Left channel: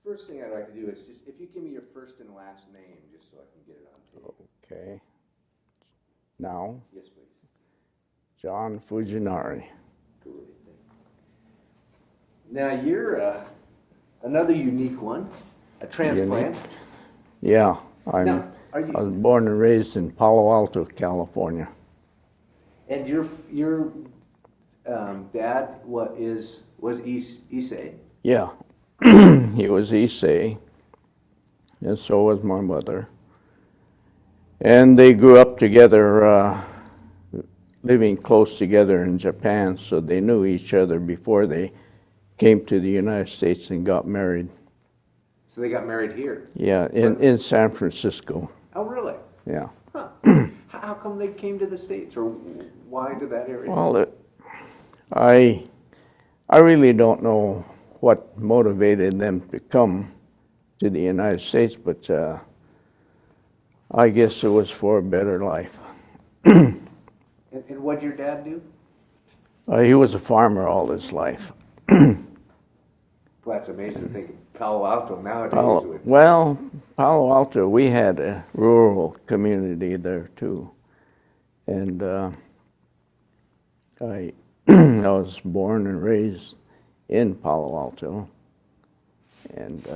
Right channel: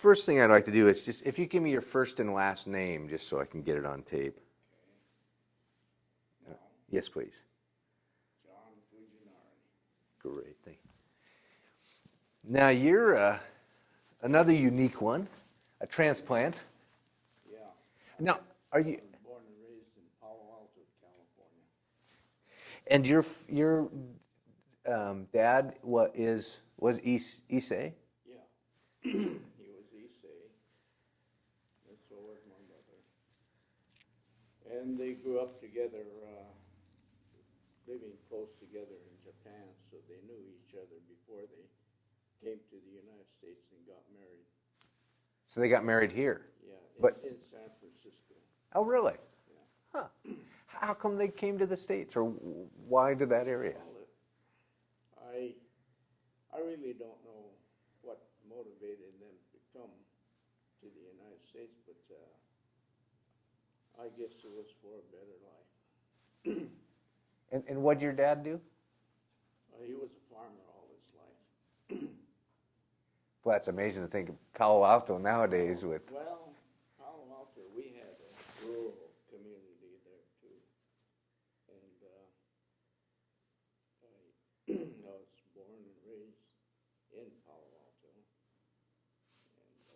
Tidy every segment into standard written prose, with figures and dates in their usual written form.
first thing I'd like to do is just, if you give me your first and last name, just so I can get it on tape. Okay. Now, Yes, please. John Fujinari. Great thing. Now, you're another unique one, a transplant. Unique. Yeah, I was born and raised in Palo Alto, California. And your dad was Issei? Yeah, he was Issei, and so was my mother. And they grew up together, living close together in Japan, so they knew each other before they came to the United States and got married. So they got married here? Yeah, in San Francisco. Oh, really? Yeah. Huh. How come they came to the States, or why did that area? Well, I really don't know what motivated them to come to the United States, but I guess it was for a better life. And what did your dad do? He was a farmer all his life. Well, that's amazing to think of Palo Alto nowadays. Palo Alto, we had a rural community there too. And I was born and raised in Palo Alto. And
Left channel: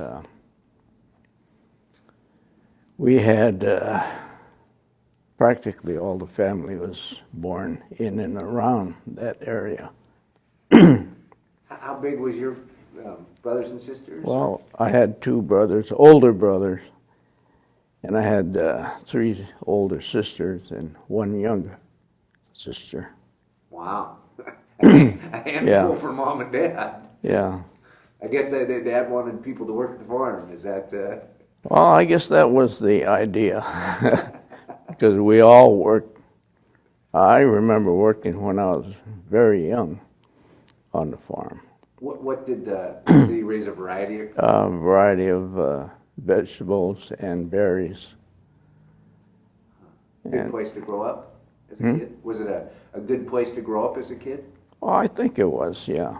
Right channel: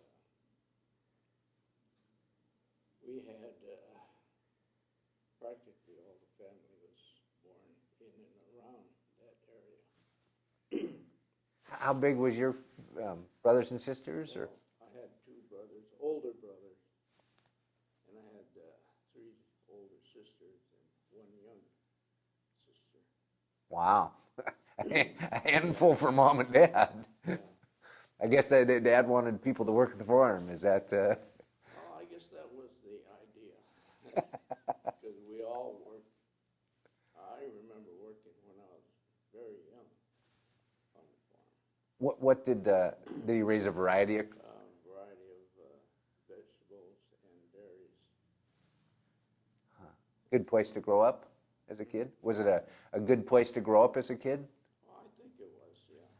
we had practically all the family was born in and around that area. How big was your brothers and sisters? Well, I had two brothers, older brothers, and I had 3 older sisters and 1 younger sister. Wow. A handful Yeah. for mom and dad. Yeah. I guess their dad wanted people to work at the farm. Is that... Well, I guess that was the idea, because we all worked. I remember working when I was very young on the farm. What did you raise a variety of? A variety of vegetables and berries. Good place to grow up as a kid? Was it a good place to grow up as a kid? Well, I think it was, yeah.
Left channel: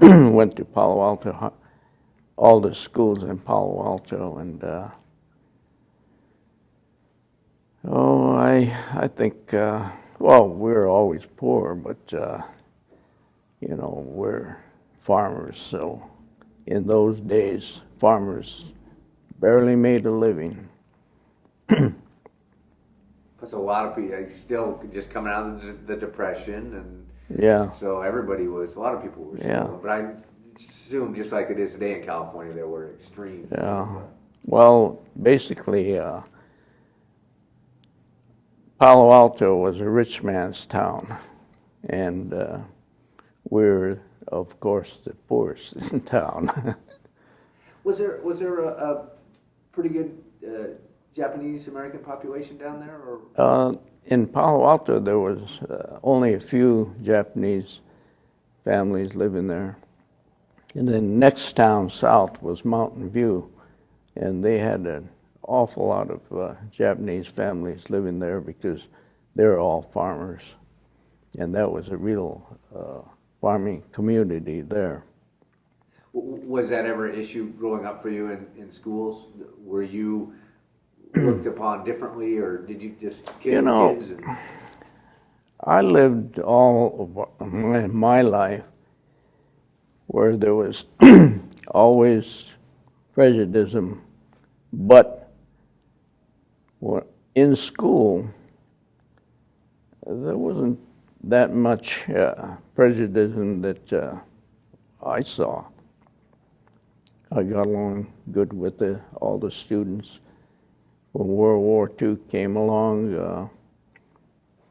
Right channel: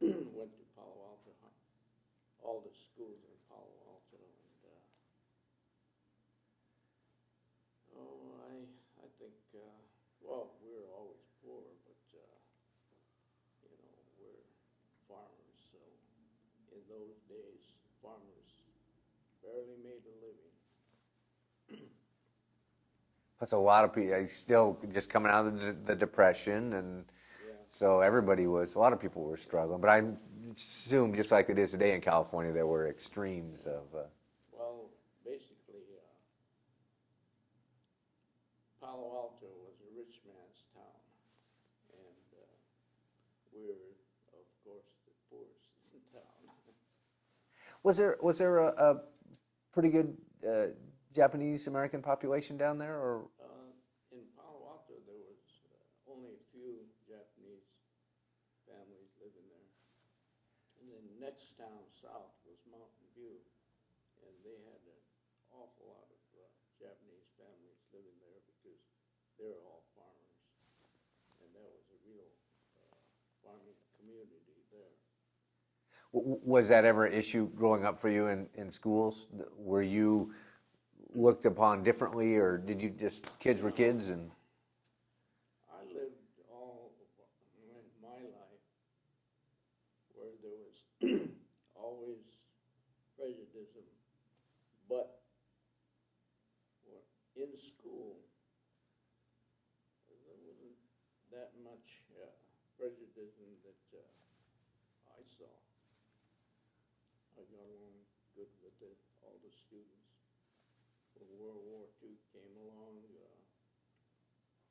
Went to Palo Alto, all the schools in Palo Alto, and I think, well, we were always poor, but you know, we're farmers, so in those days, farmers barely made a living. Plus, a lot of people still just coming out of the Depression, and Yeah. so a lot of people were struggling. Yeah. But I assume, just like it is today in California, there were extremes. Yeah. Well, basically, Palo Alto was a rich man's town, and we're, of course, the poorest in town. Was there a pretty good Japanese American population down there, or? In Palo Alto, there was only a few Japanese families living there. And then next town south was Mountain View, and they had an awful lot of Japanese families living there because they're all farmers. And that was a real farming community there. Was that ever an issue growing up for you in schools? Were you looked upon differently, or did you just kids were kids? I lived all of my life where there was always prejudice, but in school, there wasn't that much prejudice that I saw. I got along good with all the students. When World War II came along,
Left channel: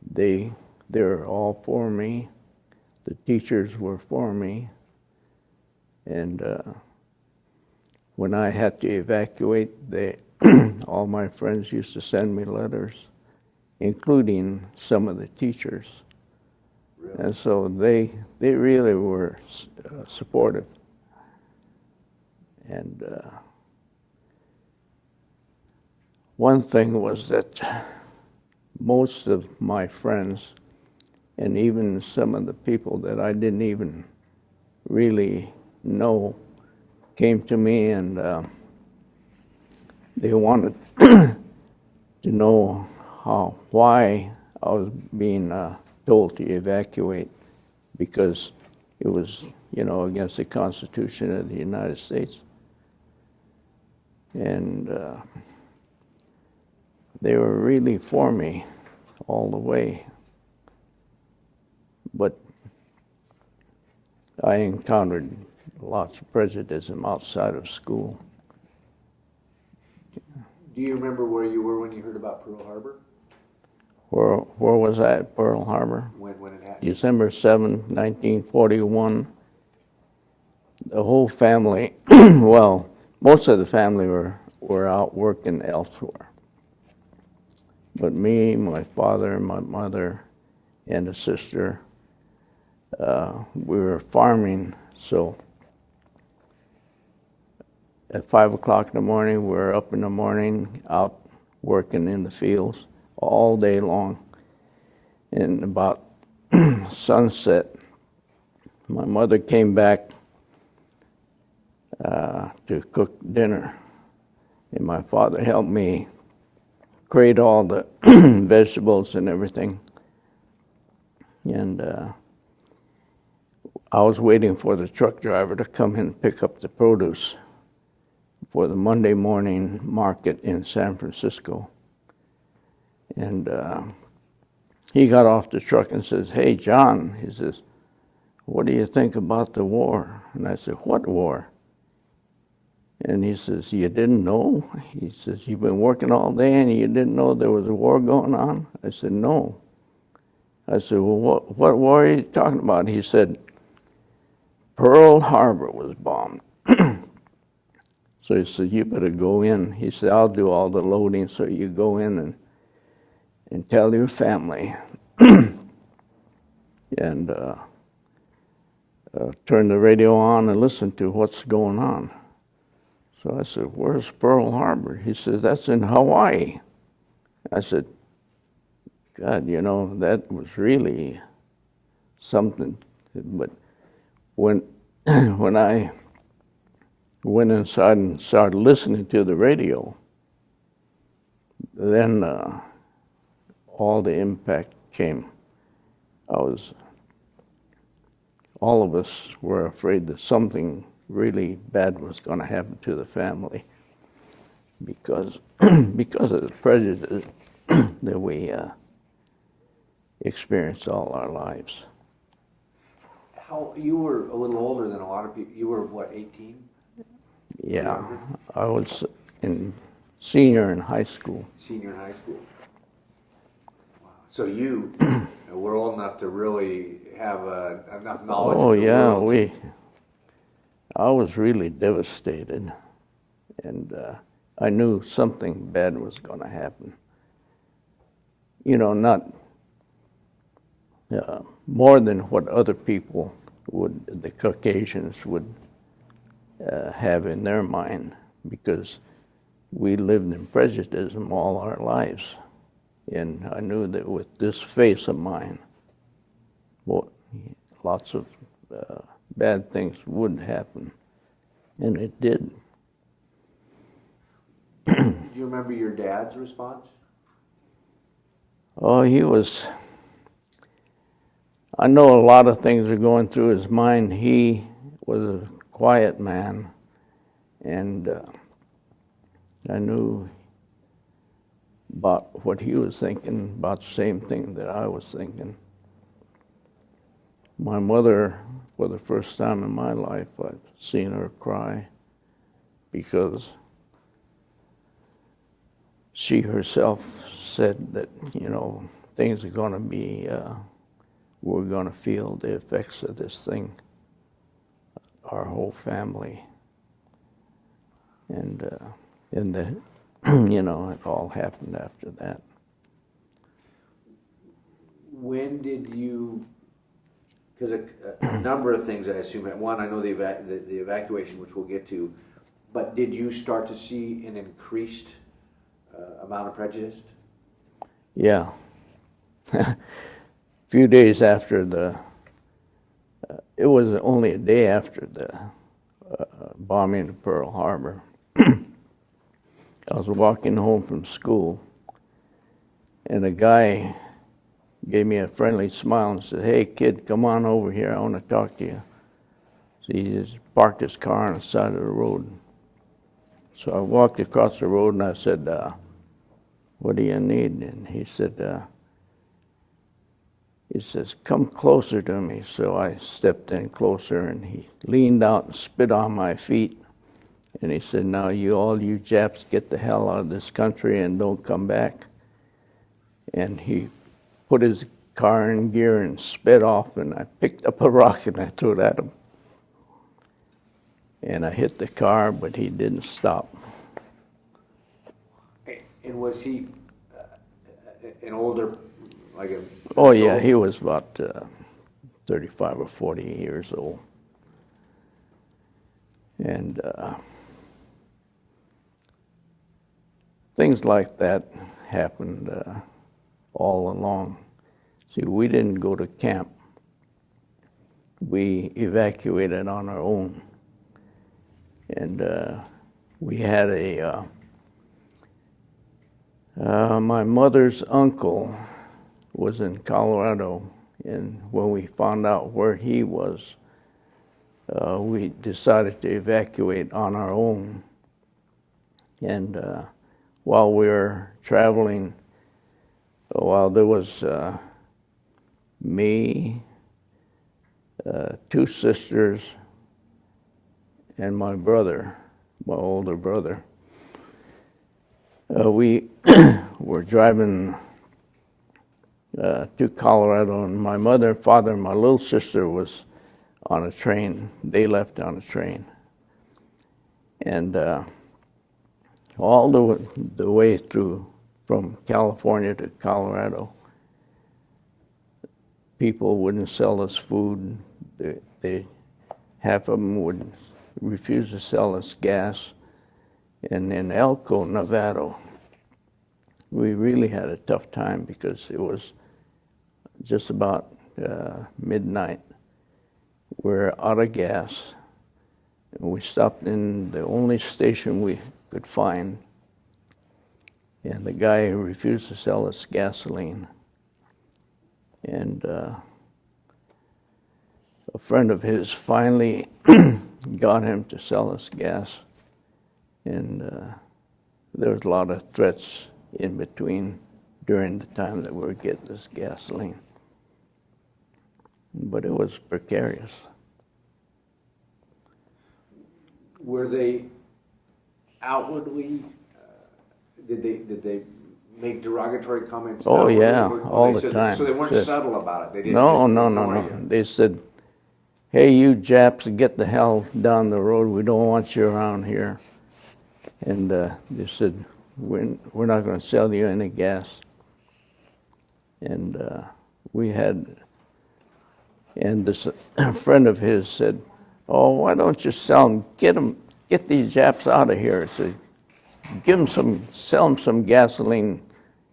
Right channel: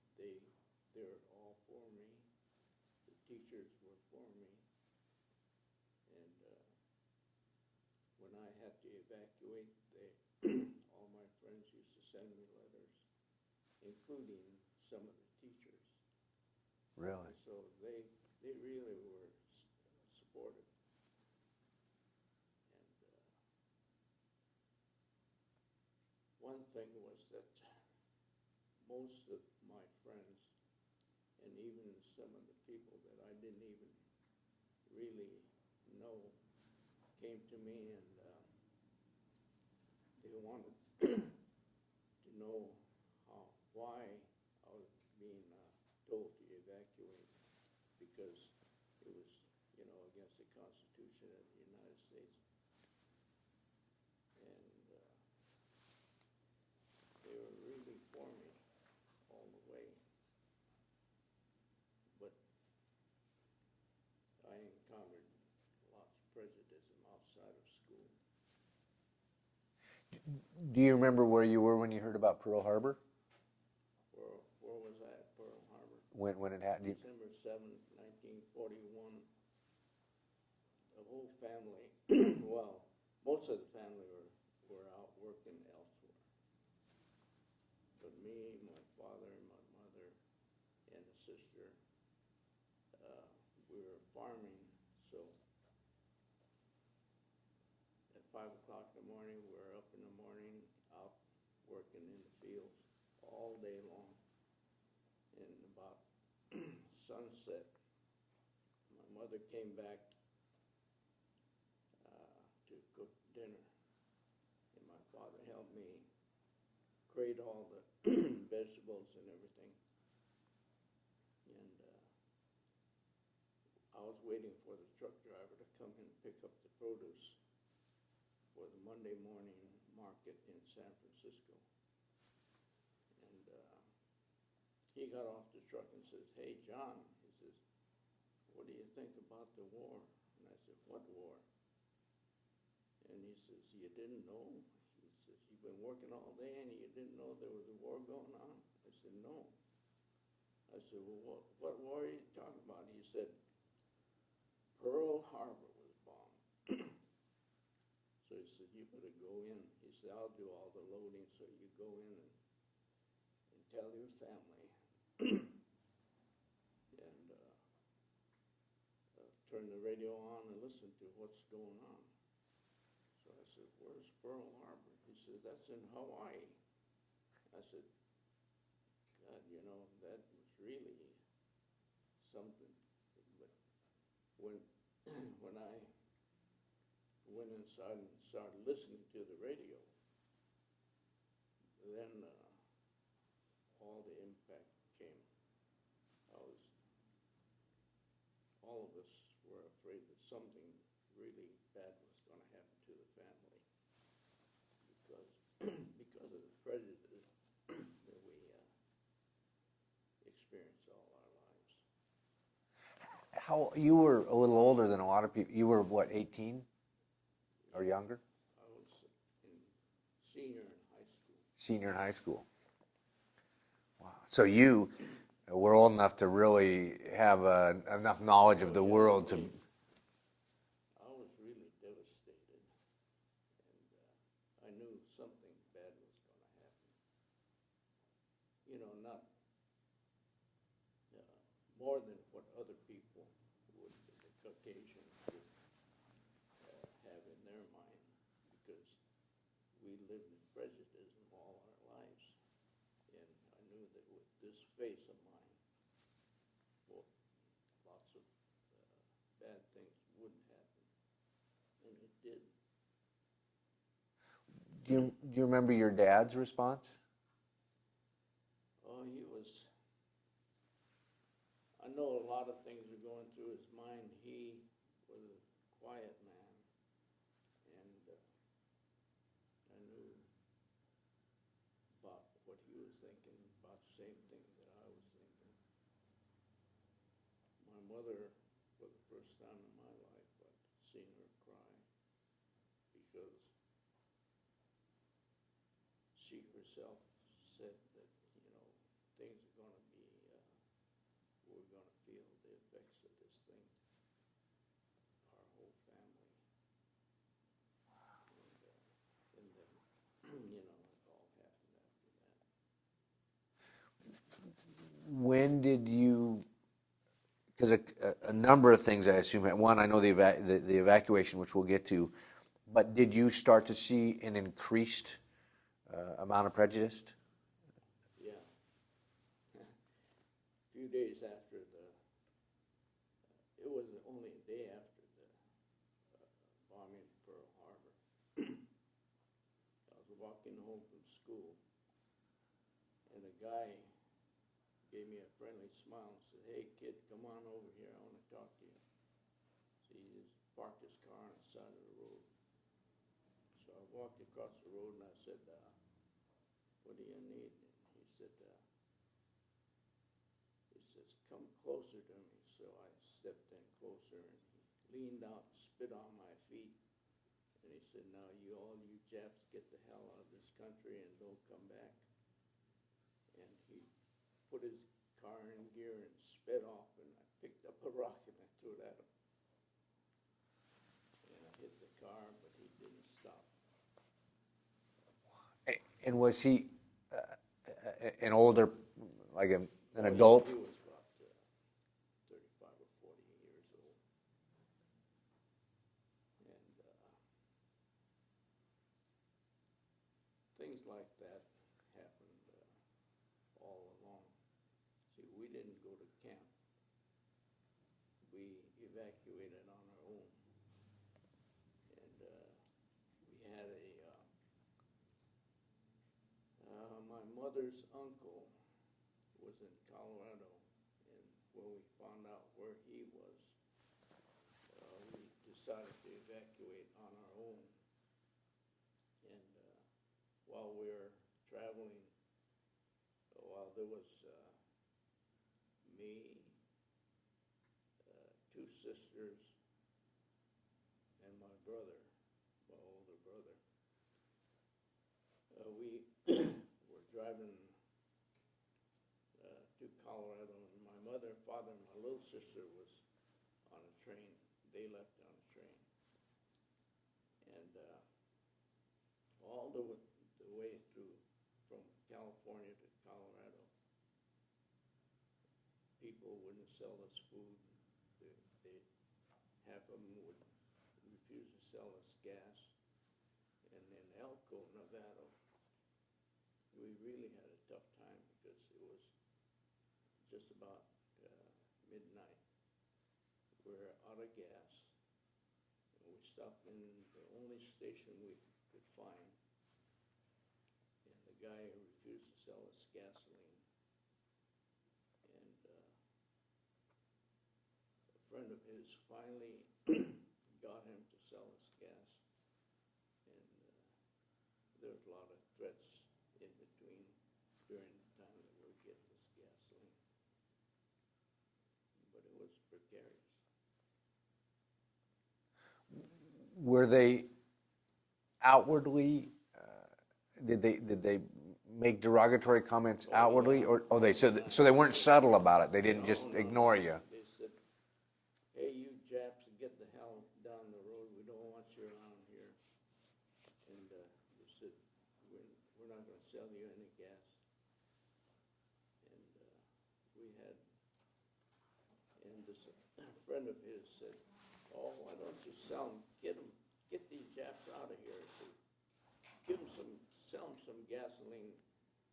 they were all for me. The teachers were for me. And when I had to evacuate, all my friends used to send me letters, including some of the teachers. Really? And so they really were supportive. And one thing was that most of my friends, and even some of the people that I didn't even really know came to me, and they wanted to know why I was being told to evacuate, because it was, against the Constitution of the United States. And they were really for me all the way. But I encountered lots of prejudice outside of school. Do you remember where you were when you heard about Pearl Harbor? Where was I at Pearl Harbor? When it happened? December 7, 1941. The whole family, well, most of the family were out working elsewhere. But me, my father, my mother, and a sister, we were farming, so at 5 o'clock in the morning, we were up in the morning, out working in the fields all day long. And about sunset, my mother came back to cook dinner, and my father helped me grate all the vegetables and everything. And I was waiting for the truck driver to come in and pick up the produce for the Monday morning market in San Francisco. And he got off the truck and says, "Hey, John," he says, "what do you think about the war?" And I said, "What war?" And he says, "You didn't know?" He says, "You've been working all day and you didn't know there was a war going on?" I said, "No." I said, "Well, what war are you talking about?" He said, "Pearl Harbor was bombed." So he said, "You better go in." He said, "I'll do all the loading, so you go in and tell your family." And turn the radio on and listen to what's going on. So I said, "Where's Pearl Harbor?" He said, "That's in Hawaii." I said, "God, that was really something." But when I went inside and started listening to the radio, then all the impact came. All of us were afraid that something really bad was going to happen to the family because of the prejudice that we experienced all our lives. You were a little older than a lot of people. You were, what, 18? Yeah, I was senior in high school. Senior in high school. Wow. So you were old enough to really have enough knowledge of the world. Oh, yeah, I was really devastated, and I knew something bad was going to happen. Not more than what other people the Caucasians would have in their mind, because we lived in prejudice all our lives. And I knew that with this face of mine, lots of bad things would happen, and it did. Do you remember your dad's response? Oh, I know a lot of things are going through his mind. He was a quiet man, and I knew about what he was thinking, about the same thing that I was thinking. My mother, for the first time in my life, I've seen her cry, because she herself said that, things are going to be, we're going to feel the effects of this thing, our whole family. And it all happened after that. When did you, because a number of things I assume, one, I know the evacuation, which we'll get to, but did you start to see an increased amount of prejudice? Yeah. A few days after it was only a day after bombing of Pearl Harbor. I was walking home from school, and a guy gave me a friendly smile and said, "Hey, kid, come on over here. I want to talk to you." So he just parked his car on the side of the road. So I walked across the road, and I said, "What do you need?" And he says, "Come closer to me." So I stepped in closer, and he leaned out and spit on my feet. And he said, "Now all you Japs get the hell out of this country and don't come back." And he put his car in gear and sped off, and I picked up a rock and I threw it at him. And I hit the car, but he didn't stop. And was he an older, like a... Oh, yeah, he was about 35 or 40 years old. And things like that happened all along. See, we didn't go to camp. We evacuated on our own. And we had my mother's uncle was in Colorado, and when we found out where he was, we decided to evacuate on our own. And while we were traveling, while there was me, two sisters, and my brother, my older brother, we were driving to Colorado, and my mother, father, and my little sister was on a train. They left on a train. And all the way through from California to Colorado, people wouldn't sell us food. Half of them would refuse to sell us gas. And in Elko, Nevada, we really had a tough time because it was just about midnight. We're out of gas. And we stopped in the only station we could find. And the guy refused to sell us gasoline. And a friend of his finally got him to sell us gas. And there was a lot of threats in between during the time that we were getting this gasoline. But it was precarious. Were they outwardly, did they make derogatory comments? Oh, outwardly, yeah, or all the said, time. So they weren't subtle about it? They didn't No. just ignore you? They said, "Hey, you Japs, get the hell down the road. We don't want you around here." And they said, we're not going to sell you any gas. And and this friend of his said, "Oh, why don't you sell them? Get these Japs out of here." He said, sell them some gasoline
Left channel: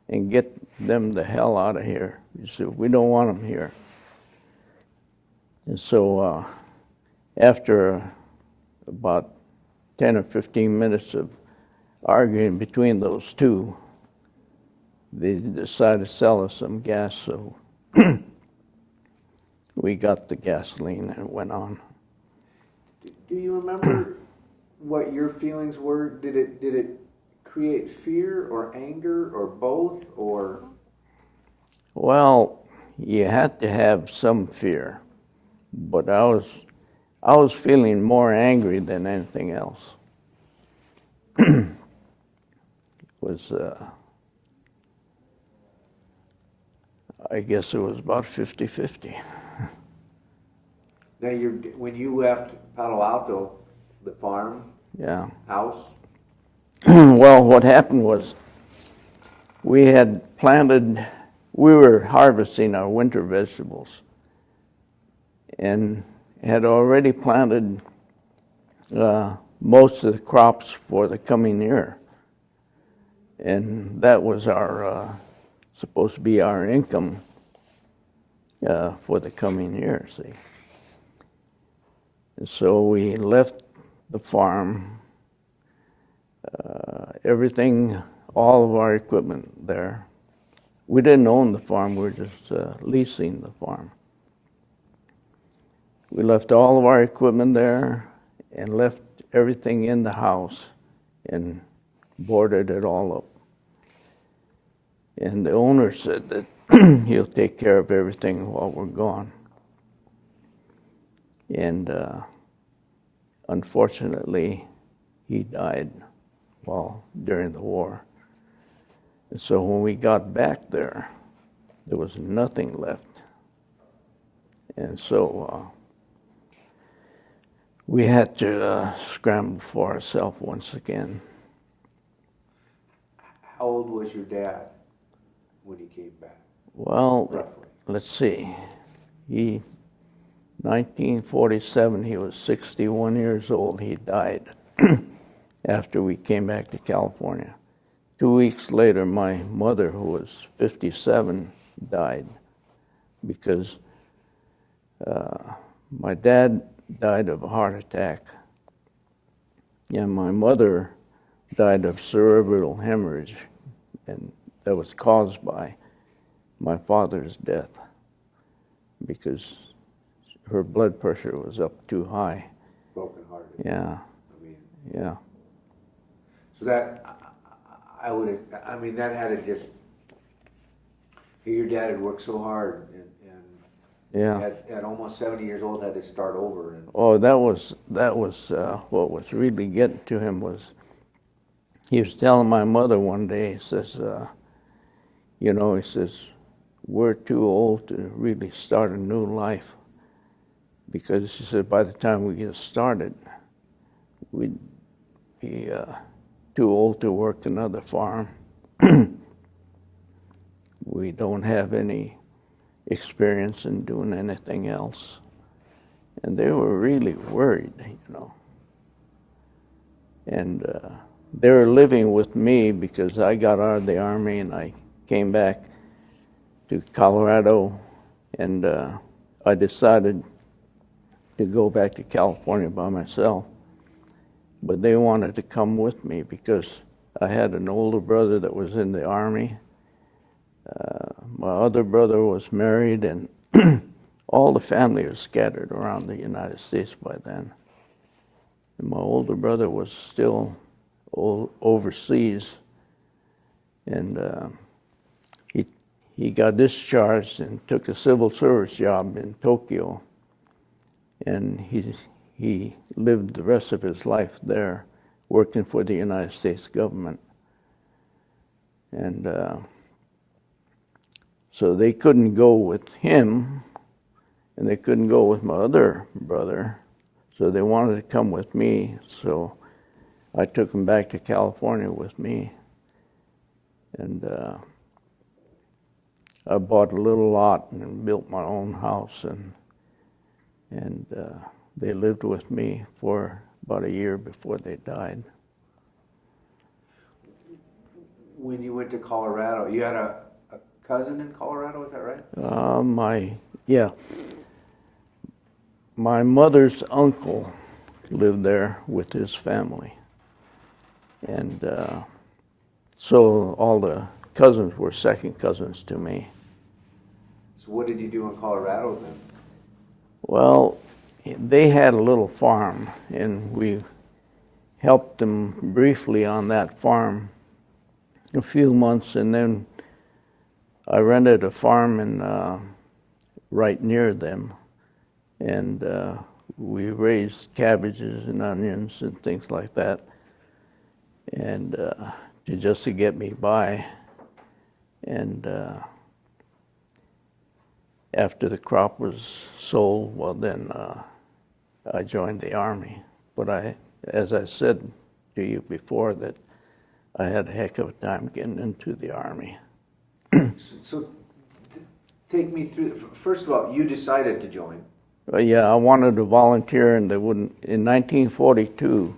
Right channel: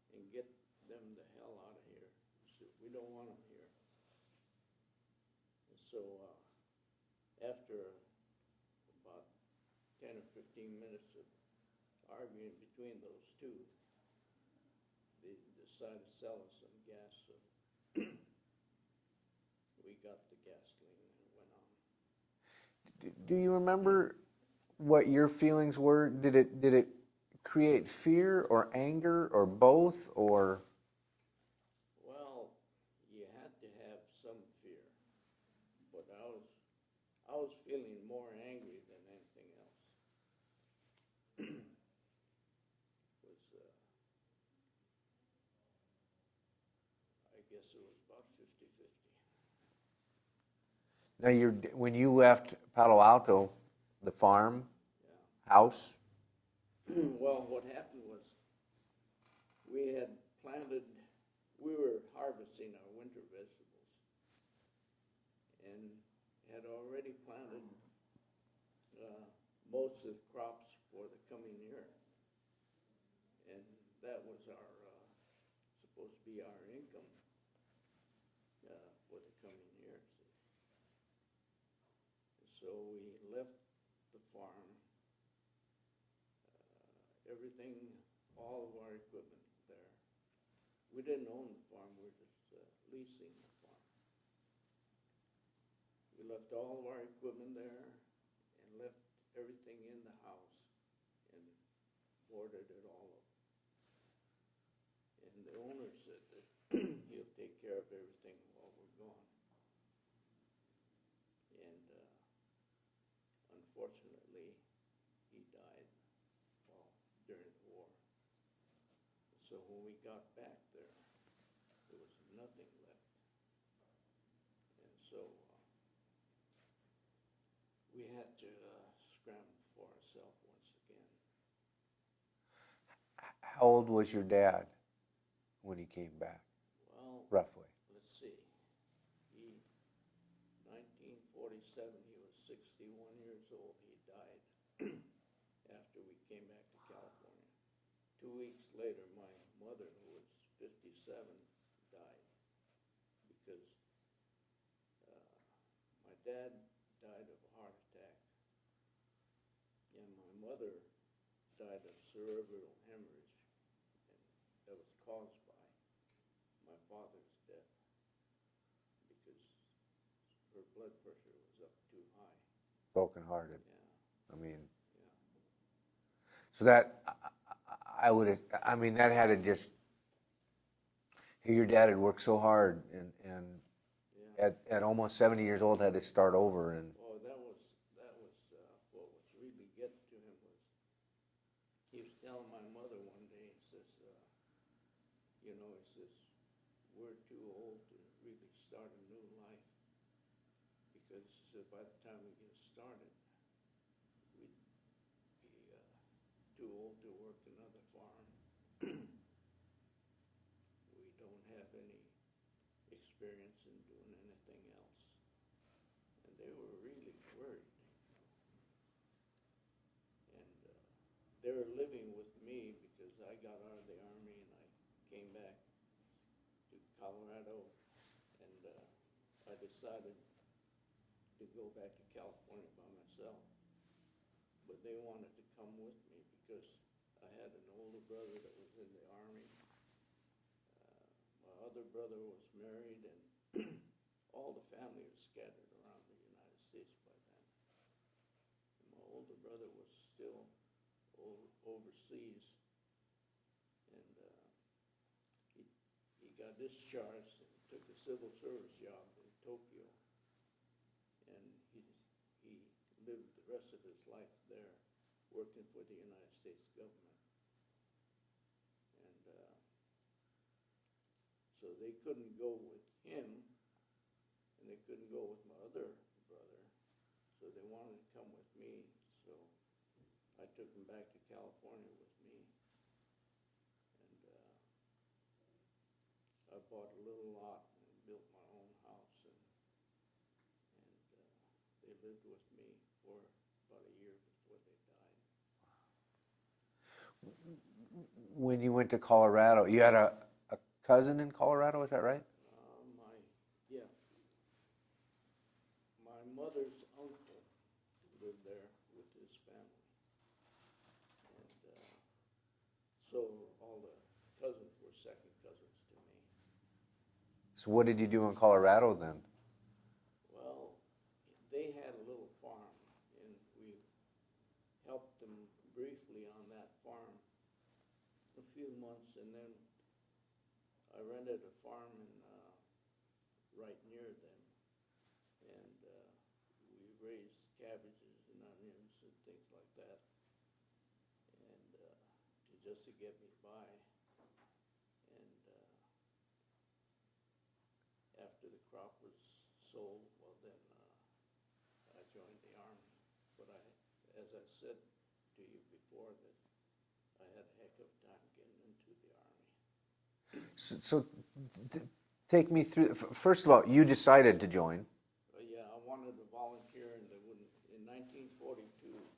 and get them the hell out of here. He said, "We don't want them here." And so after about 10 or 15 minutes of arguing between those two, they decided to sell us some gas, so we got the gasoline and it went on. Do you remember what your feelings were? Did it create fear or anger or both, or? Well, you had to have some fear, but I was feeling more angry than anything else. It was, I guess it was about 50-50. Now, when you left Palo Alto, the farm, Yeah. house, Well, what happened was we were harvesting our winter vegetables and had already planted most of the crops for the coming year. And that was supposed to be our income for the coming year, see. And so we left the farm, everything, all of our equipment there. We didn't own the farm, we were just leasing the farm. We left all of our equipment there and left everything in the house and boarded it all up. And the owner said that he'll take care of everything while we're gone. And unfortunately, he died during the war. And so when we got back there was nothing left. And so we had to scramble for ourselves once again. How old was your dad when he came back? Well, Roughly. let's see. 1947, he was 61 years old. He died after we came back to California. 2 weeks later, my mother, who was 57, died because my dad died of a heart attack, and my mother died of cerebral hemorrhage, and that was caused by my father's death because her blood pressure was up too high. Broken-hearted. Yeah. Yeah. So that, that had to just, your dad had worked so hard and Yeah. at almost 70 years old had to start over. And Oh, that was what was really getting to him was he was telling my mother one day, he says, he says, we're too old to really start a new life because he said by the time we get started, we'd be too old to work another farm. We don't have any experience in doing anything else. And they were really worried, And they were living with me because I got out of the Army and I came back to Colorado, and I decided to go back to California by myself. But they wanted to come with me because I had an older brother that was in the Army. My other brother was married, and all the family was scattered around the United States by then. And my older brother was still overseas, and he got discharged and took a civil service job in Tokyo, and he lived the rest of his life there, working for the United States government. And so they couldn't go with him, and they couldn't go with my other brother, so they wanted to come with me, so I took them back to California with me. And I bought a little lot and built my own house, and they lived with me for about a year before they died. when you went to Colorado, you had a cousin in Colorado, is that right? My mother's uncle lived there with his family. And so all the cousins were second cousins to me. So what did you do in Colorado then? Well, they had a little farm, and we helped them briefly on that farm a few months, and then I rented a farm right near them, and we raised cabbages and onions and things like that, and just to get me by. And after the crop was sold, well, then I joined the Army. But as I said to you before, that I had a heck of a time getting into the Army. So take me through. First of all, you decided to join. Yeah, I wanted to volunteer, and they wouldn't. In 1942,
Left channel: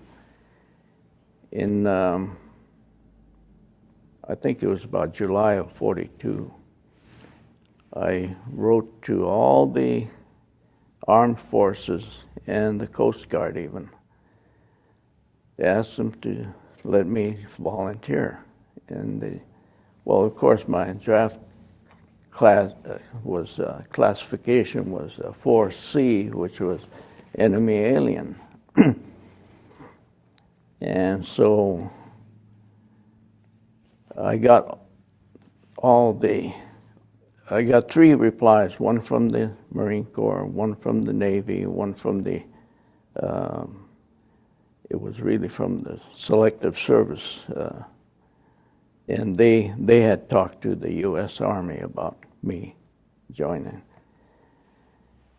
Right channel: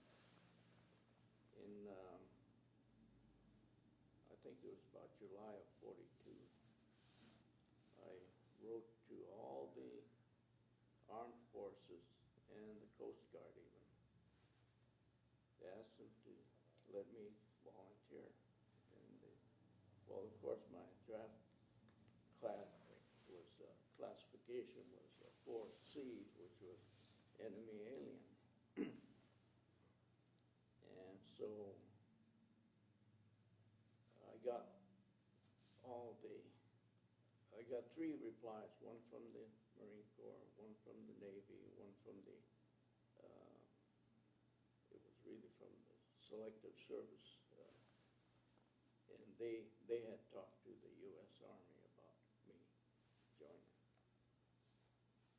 I think it was about July of 42, I wrote to all the armed forces and the Coast Guard even, they asked them to let me volunteer. And well, of course, my draft class classification was 4C, which was enemy alien. And so I got I got 3 replies, one from the Marine Corps, one from the Navy, one from the, it was really from the Selective Service. And they had talked to the U.S. Army about me joining.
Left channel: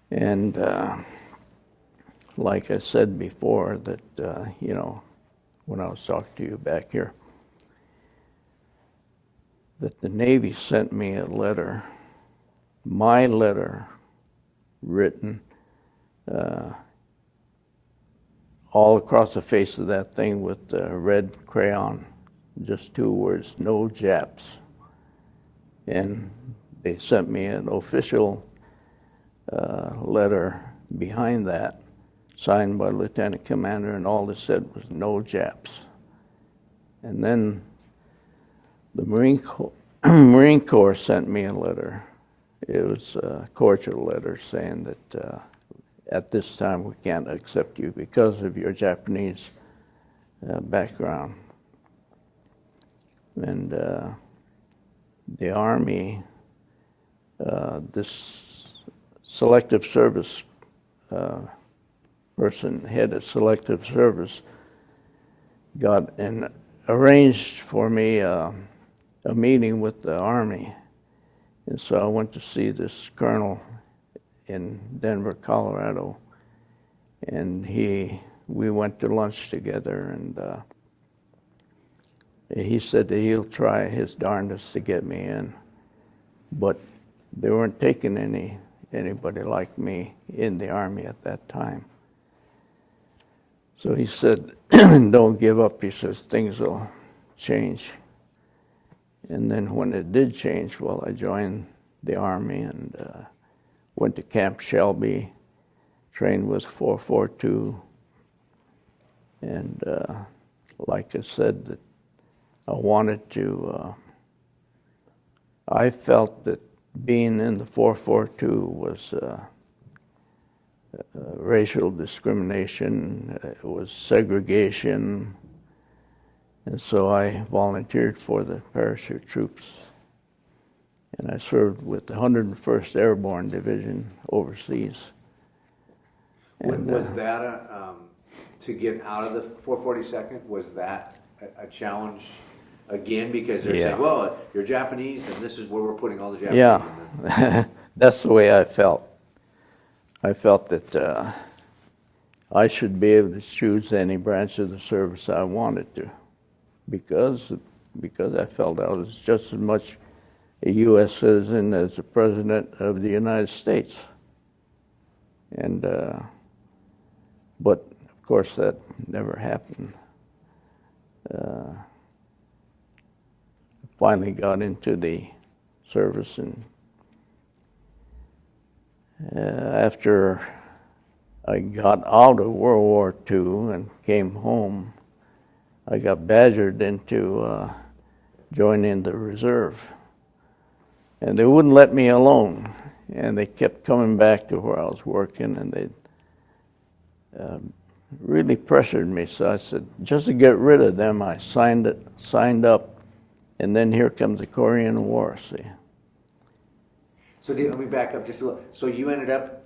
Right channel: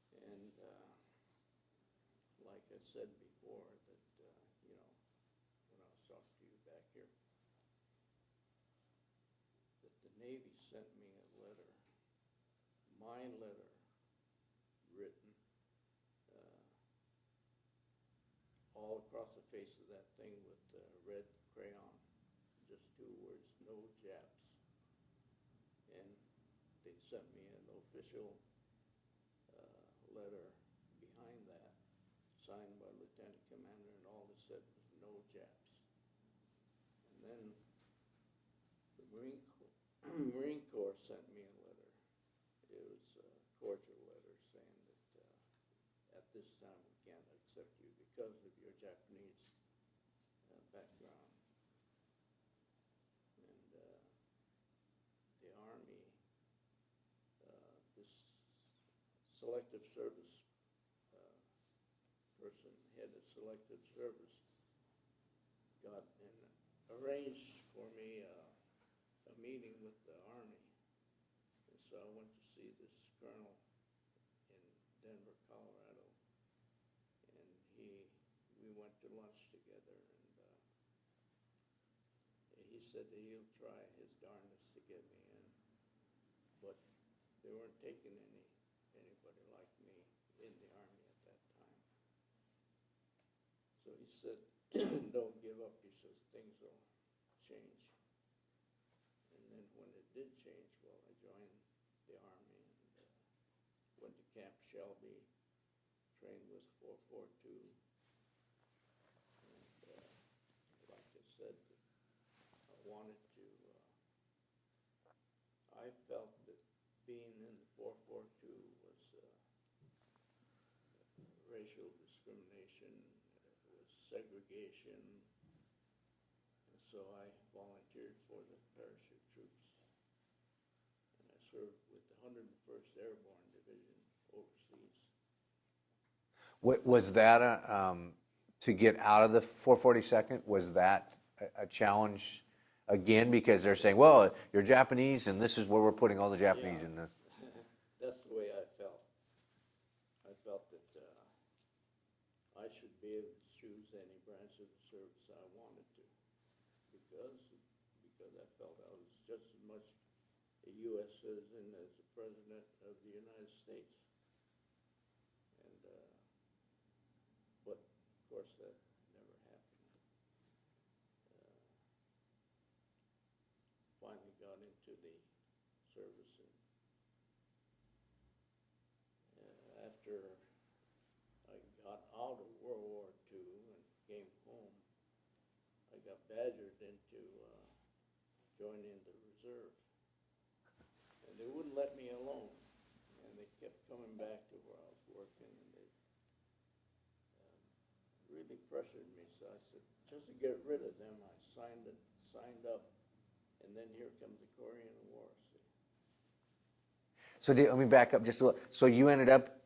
And like I said before, that, when I was talking to you back here, that the Navy sent me a letter, my letter, written all across the face of that thing with red crayon, just 2 words, no Japs. And they sent me an official letter behind that, signed by Lieutenant Commander, and all it said was no Japs. And then the Marine Corps sent me a letter. It was a cordial letter saying that at this time we can't accept you because of your Japanese background. And the Army, this Selective Service person, head of Selective Service, got arranged for me a meeting with the Army. And so I went to see this colonel in Denver, Colorado, and we went to lunch together, and he said that he'll try his darndest to get me in, but they weren't taking anybody like me in the Army at that time. So he said, don't give up. He says, things will change. And then when it did change, well, I joined the Army and went to Camp Shelby, trained with 442. And like I said, that I wanted to, I felt that being in the 442 was racial discrimination, it was segregation, and so I volunteered for the parachute troops. And I served with the 101st Airborne Division overseas. And, was that to get out of the 442nd, was that a challenge again? Because they're saying, well, you're Japanese and this is where we're putting all the Japanese in. Yeah, that's the way I felt. I felt that I should be able to choose any branch of the service I wanted to, because I felt I was just as much a U.S. citizen as the President of the United States. And but of course that never happened. Finally got into the service, and after I got out of World War II and came home, I got badgered into joining the reserve. And they wouldn't let me alone. And they kept coming back to where I was working, and they really pressured me. So I said, just to get rid of them, I signed up. And then here comes the Korean War, see. So let me back up just a little. So you ended up,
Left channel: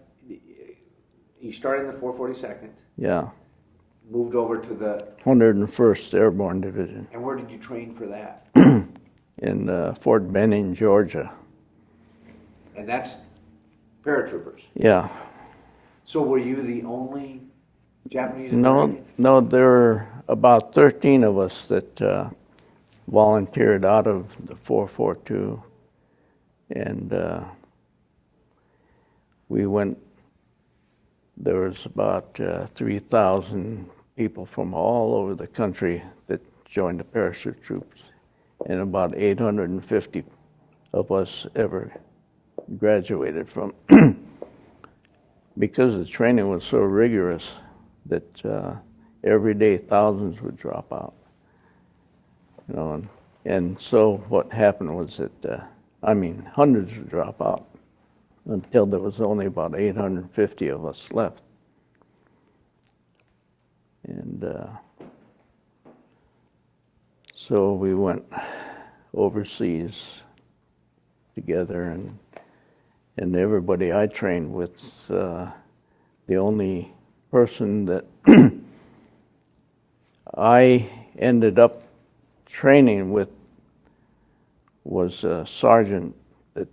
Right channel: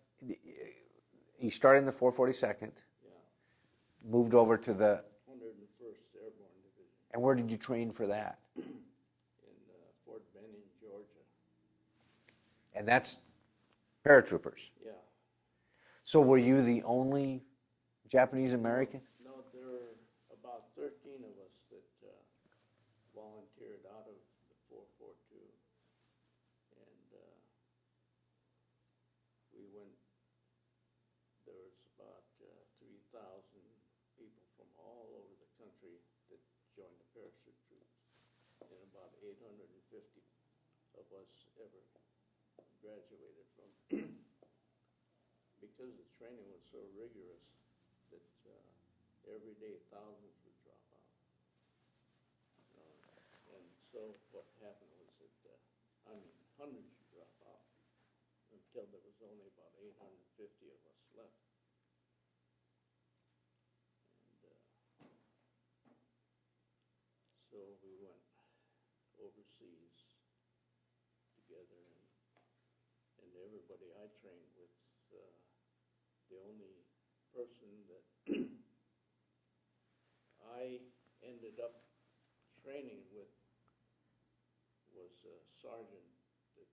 you started in the 442nd. Yeah. Moved over to the 101st Airborne Division. And where did you train for that? In Fort Benning, Georgia. And that's paratroopers. Yeah. So were you the only Japanese American? No, there were about 13 of us that volunteered out of the 442, and we went. There was about 3,000 people from all over the country that joined the parachute troops, and about 850 of us ever graduated from. Because the training was so rigorous that every day thousands would drop out. You know, and so what happened was that, hundreds would drop out until there was only about 850 of us left. And so we went overseas together, and everybody I trained with, the only person that I ended up training with was a sergeant that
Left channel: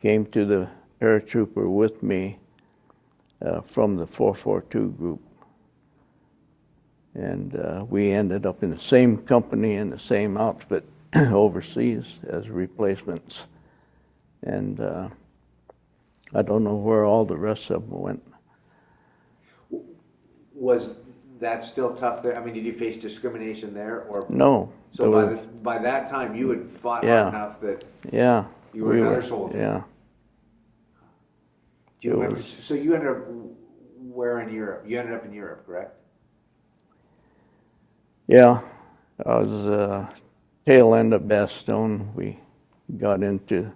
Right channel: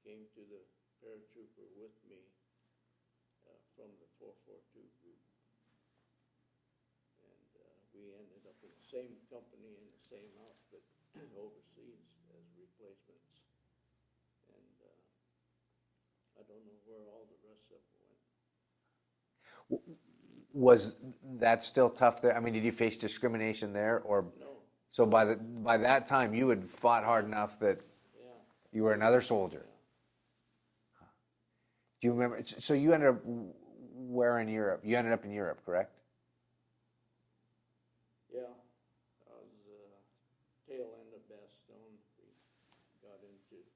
came to the paratrooper with me from the 442 group. And we ended up in the same company and the same outfit overseas as replacements. And I don't know where all the rest of them went. Was that still tough there? I mean, did you face discrimination there, or No. so by that time you had fought hard enough that you were another soldier? Yeah. Do you remember? So you ended up where in Europe? You ended up in Europe, correct? Yeah, I was tail end of Bastogne. We got into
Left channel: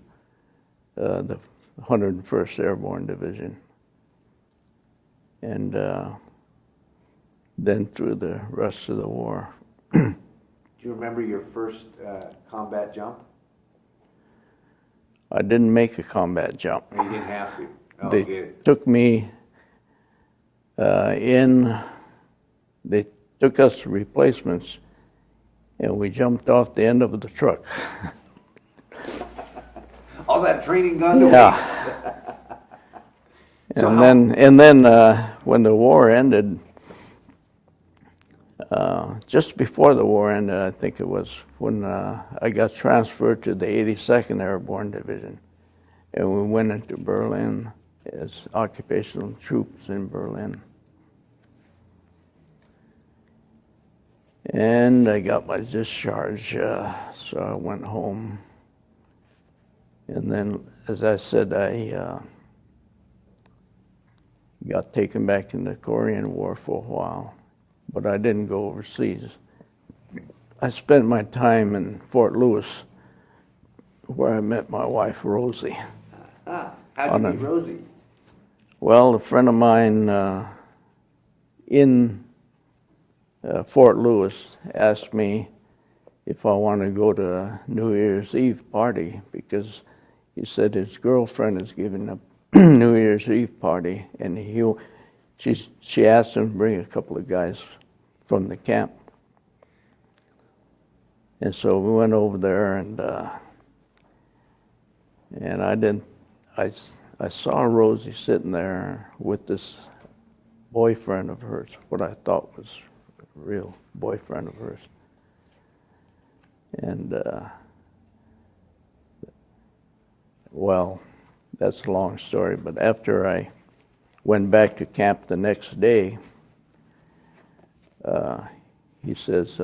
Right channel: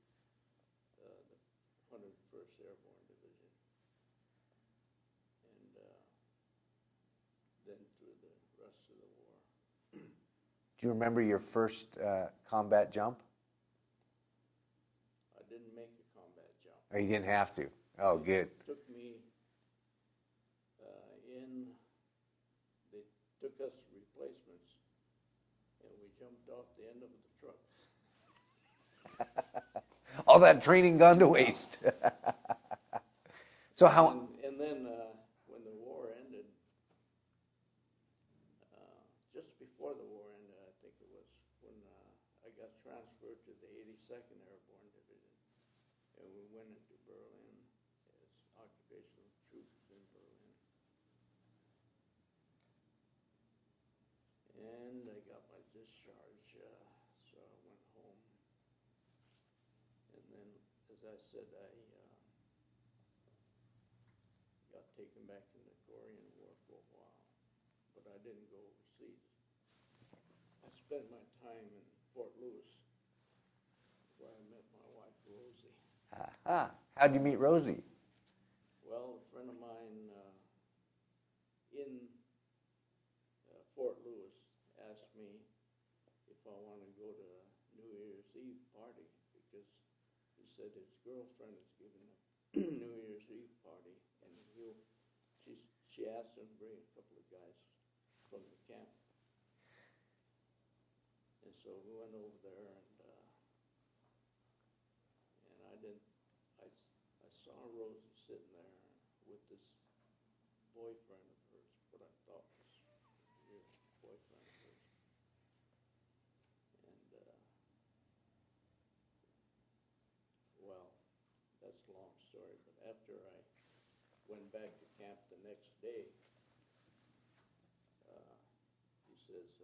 the 101st Airborne Division, and then through the rest of the war. Do you remember your first combat jump? I didn't make a combat jump. Or you didn't have to? Oh, They good. took me they took us replacements, and we jumped off the end of the truck. All that training gone to Yeah. waste. So And then when the war ended, just before the war ended, I think it was when I got transferred to the 82nd Airborne Division, and we went into Berlin as occupational troops in Berlin. And I got my discharge, so I went home. And then, as I said, I got taken back in the Korean War for a while, but I didn't go overseas. I spent my time in Fort Lewis, where I met my wife, Rosie. How'd you meet Rosie? Well, a friend of mine in Fort Lewis asked me if I wanted to go to a New Year's Eve party, because he said his girlfriend is giving a New Year's Eve party, and she asked him to bring a couple of guys from the camp. And so we went over there, and I saw Rosie sitting there with this boyfriend of hers, what I thought was a real boyfriend of hers. And, well, that's a long story, but after I went back to camp the next day, he says,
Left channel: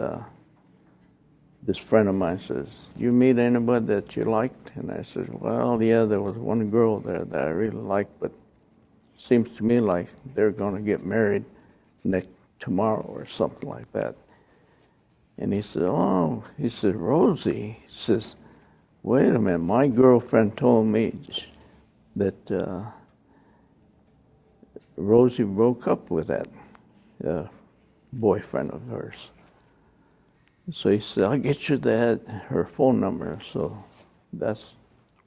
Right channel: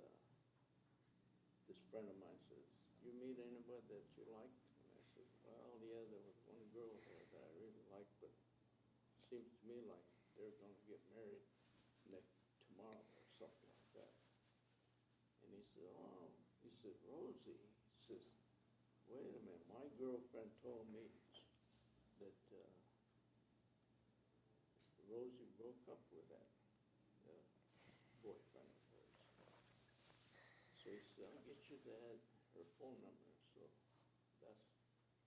this friend of mine says, you meet anybody that you liked? And I said, well, yeah, there was one girl there that I really liked, but it seems to me like they're going to get married tomorrow or something like that. And he said, Rosie. He says, wait a minute, my girlfriend told me that Rosie broke up with that boyfriend of hers. So he said, I'll get you her phone number. So that's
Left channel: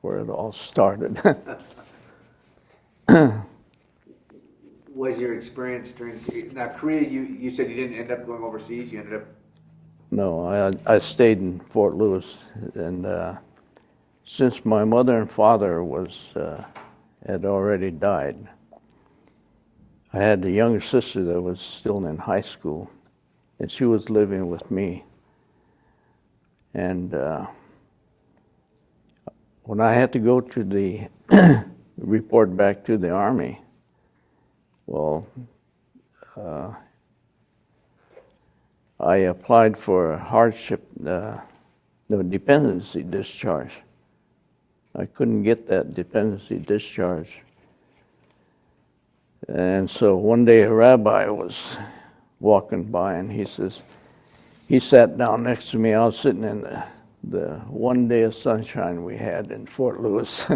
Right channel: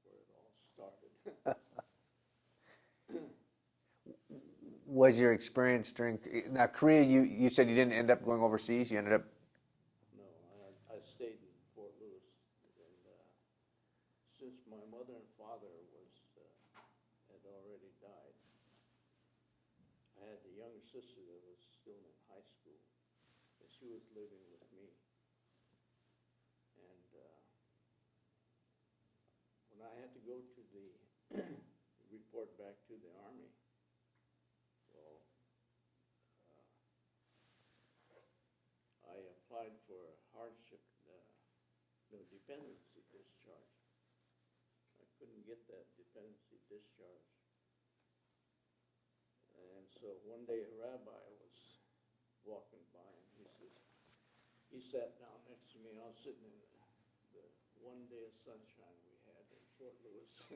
where it all started. Was your experience during now Korea? You said you didn't end up going overseas. You ended up. No, I stayed in Fort Lewis, and since my mother and father had already died, I had a younger sister that was still in high school, and she was living with me. And when I had to go to the report back to the Army, well, I applied for a hardship, dependency discharge. I couldn't get that dependency discharge. And so one day a rabbi was walking by, and he sat down next to me. I was sitting in the one day of sunshine we had in Fort Lewis.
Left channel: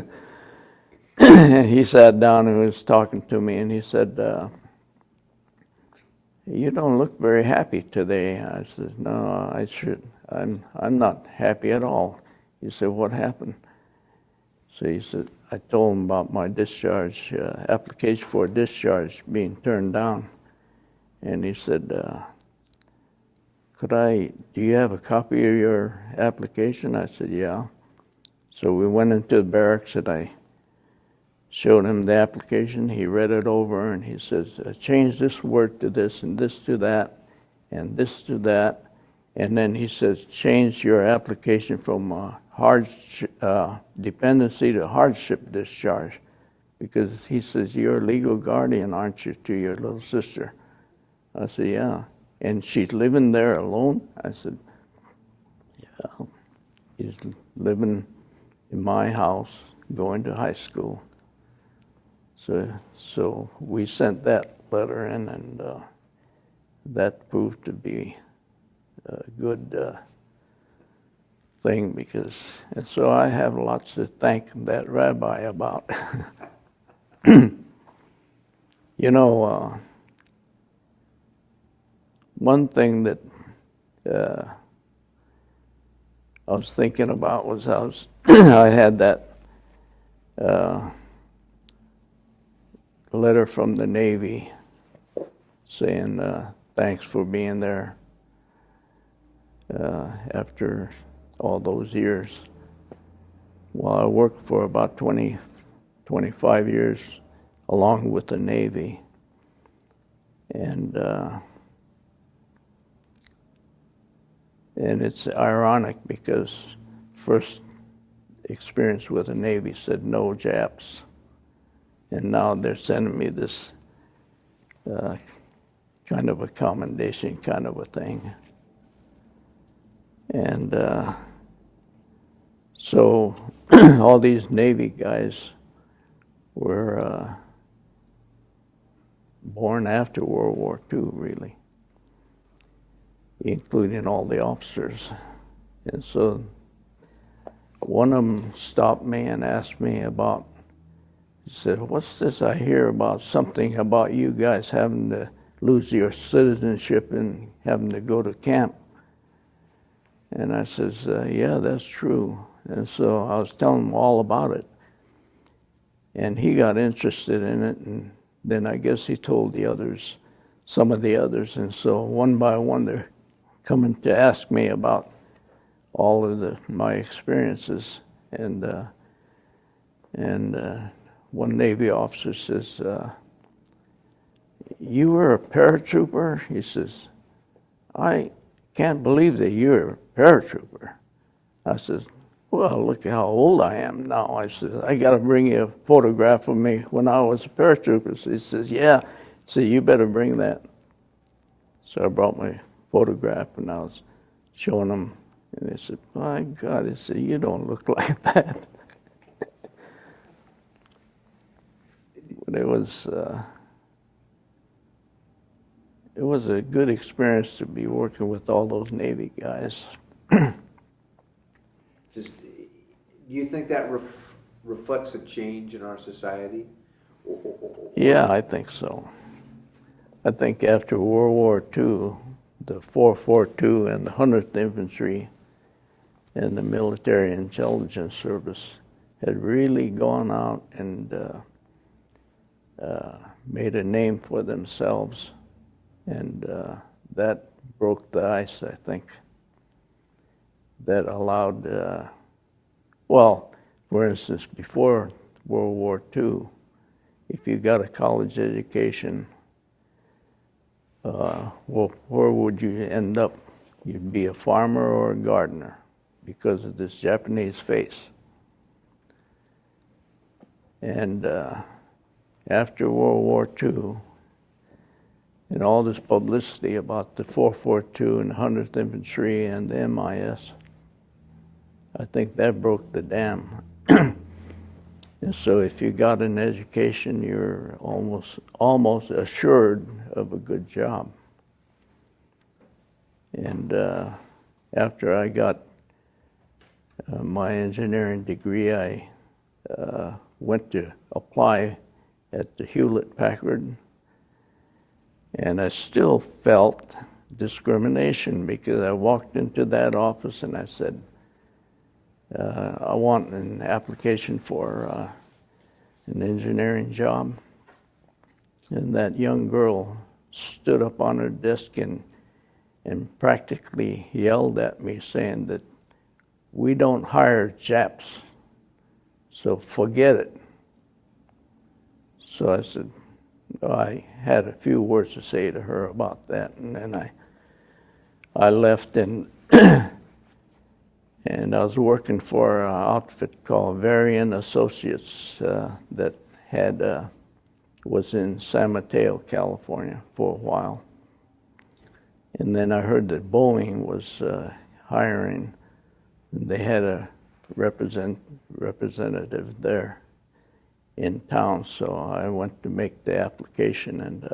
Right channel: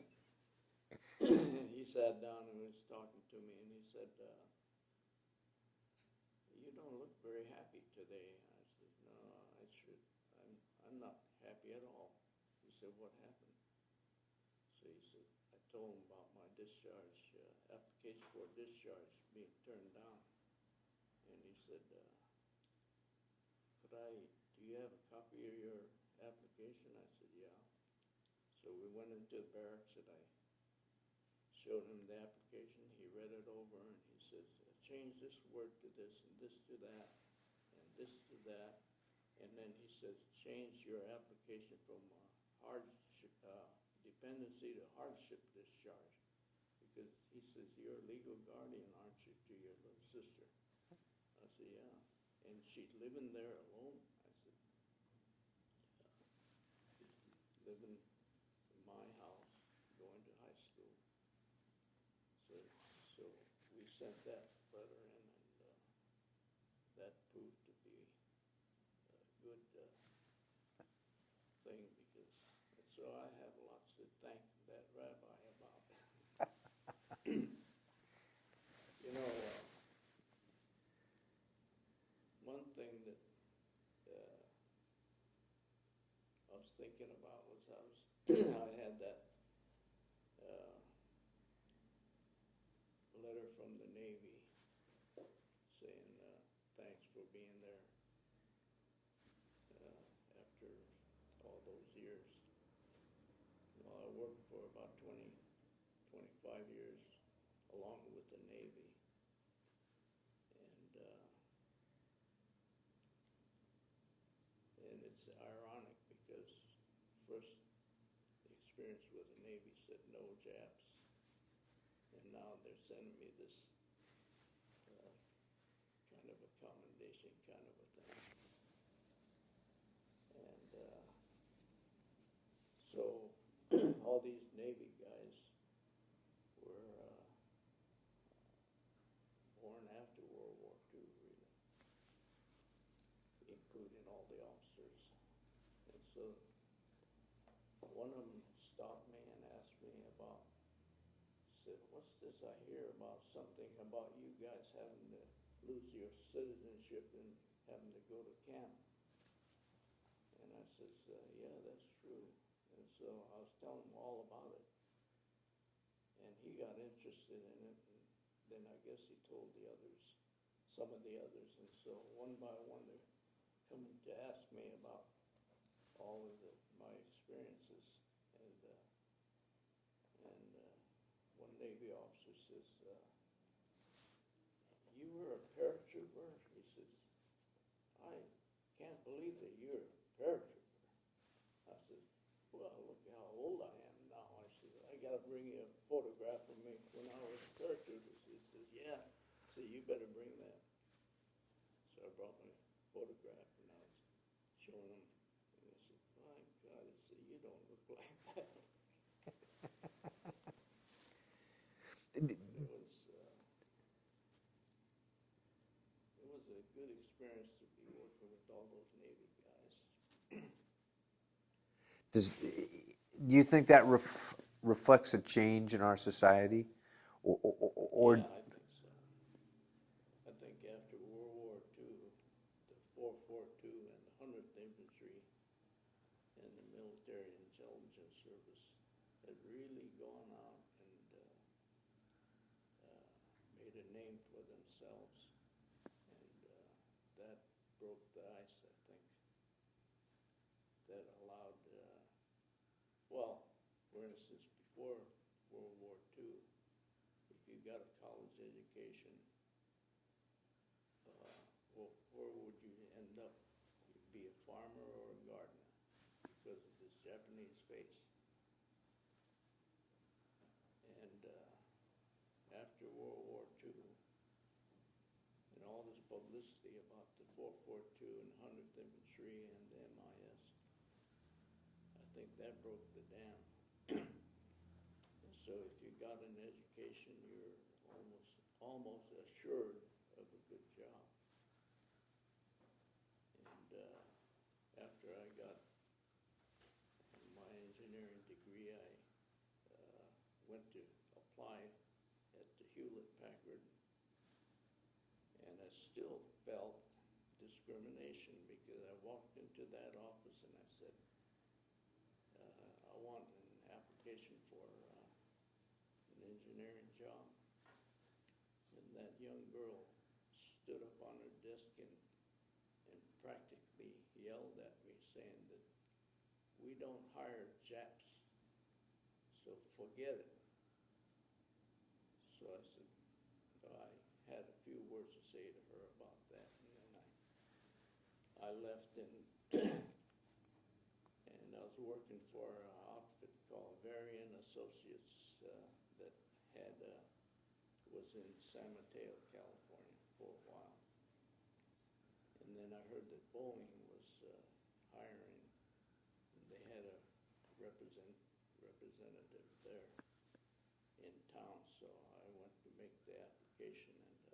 And he sat down and was talking to me, and he said, "You don't look very happy today." I said, "No, I'm not happy at all." He said, "What happened?" So he said, I told him about my discharge, application for discharge being turned down. And he said, do you have a copy of your application? I said, yeah. So we went into the barracks and I showed him the application. He read it over and he says, change this word to this and this to that and this to that. And then he says, change your application from dependency to hardship discharge, because he says, you're a legal guardian, aren't you, to your little sister? I said, yeah. And she's living there alone? I said, yeah. He's living in my house, going to high school. So we sent that letter in, and that proved to be a good thing, and so I have lots to thank that rabbi about. You know, one thing that I was thinking about was I had that letter from the Navy saying thanks for being there after all those years. Well, I worked for about 25 years along with the Navy. And it's ironic because first experience with the Navy said no Japs. And now they're sending me this kind of a commendation kind of a thing. And so all these Navy guys were born after World War II, really, including all the officers. And so one of them stopped me and asked me about, he said, what's this I hear about something about you guys having to lose your citizenship and having to go to camp? And I says, yeah, that's true. And so I was telling him all about it. And he got interested in it, and then I guess he told the others, some of the others. And so one by one, they're coming to ask me about all of my experiences. And one Navy officer says, you were a paratrooper? He says, I can't believe that you're a paratrooper. I says, well, look how old I am now. I said, I got to bring you a photograph of me when I was a paratrooper. So he says, yeah. So you better bring that. So I brought my photograph and I was showing them. And they said, my God, he said, you don't look like that. But it was a good experience to be working with all those Navy guys. Do you think that reflects a change in our society? Yeah, I think so. I think after World War II, the 442 and the 100th Infantry and the Military Intelligence Service had really gone out and made a name for themselves. And that broke the ice, I think. That allowed, well, for instance, before World War II, if you got a college education, well, where would you end up? You'd be a farmer or a gardener because of this Japanese face. And after World War II, and all this publicity about the 442 and 100th Infantry and the MIS, I think that broke the dam. And so if you got an education, you're almost assured of a good job. And after I got my engineering degree, I went to apply at the Hewlett-Packard, and I still felt discrimination because I walked into that office and I said, I want an application for an engineering job. And that young girl stood up on her desk and practically yelled at me saying that we don't hire Japs, so forget it. So I said, I had a few words to say to her about that, and then I left and and I was working for an outfit called Varian Associates that was in San Mateo, California for a while. And then I heard that Boeing was hiring. They had a representative there in town, so I went to make the application, and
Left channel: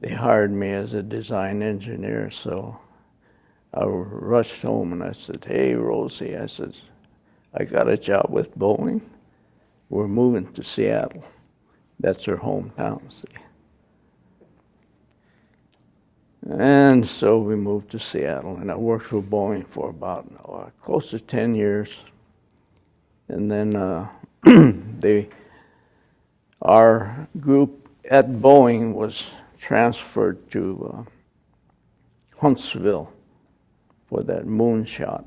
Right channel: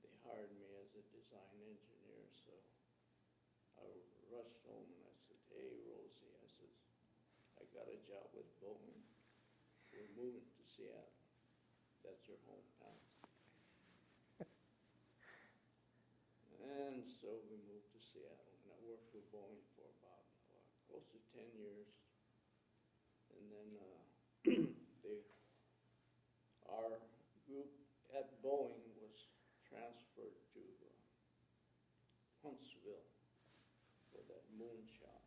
they hired me as a design engineer. So I rushed home and I said, "Hey, Rosie," I said, "I got a job with Boeing. We're moving to Seattle." That's her hometown, see. And so we moved to Seattle, and I worked for Boeing for about close to 10 years. And then our group at Boeing was transferred to Huntsville for that moonshot.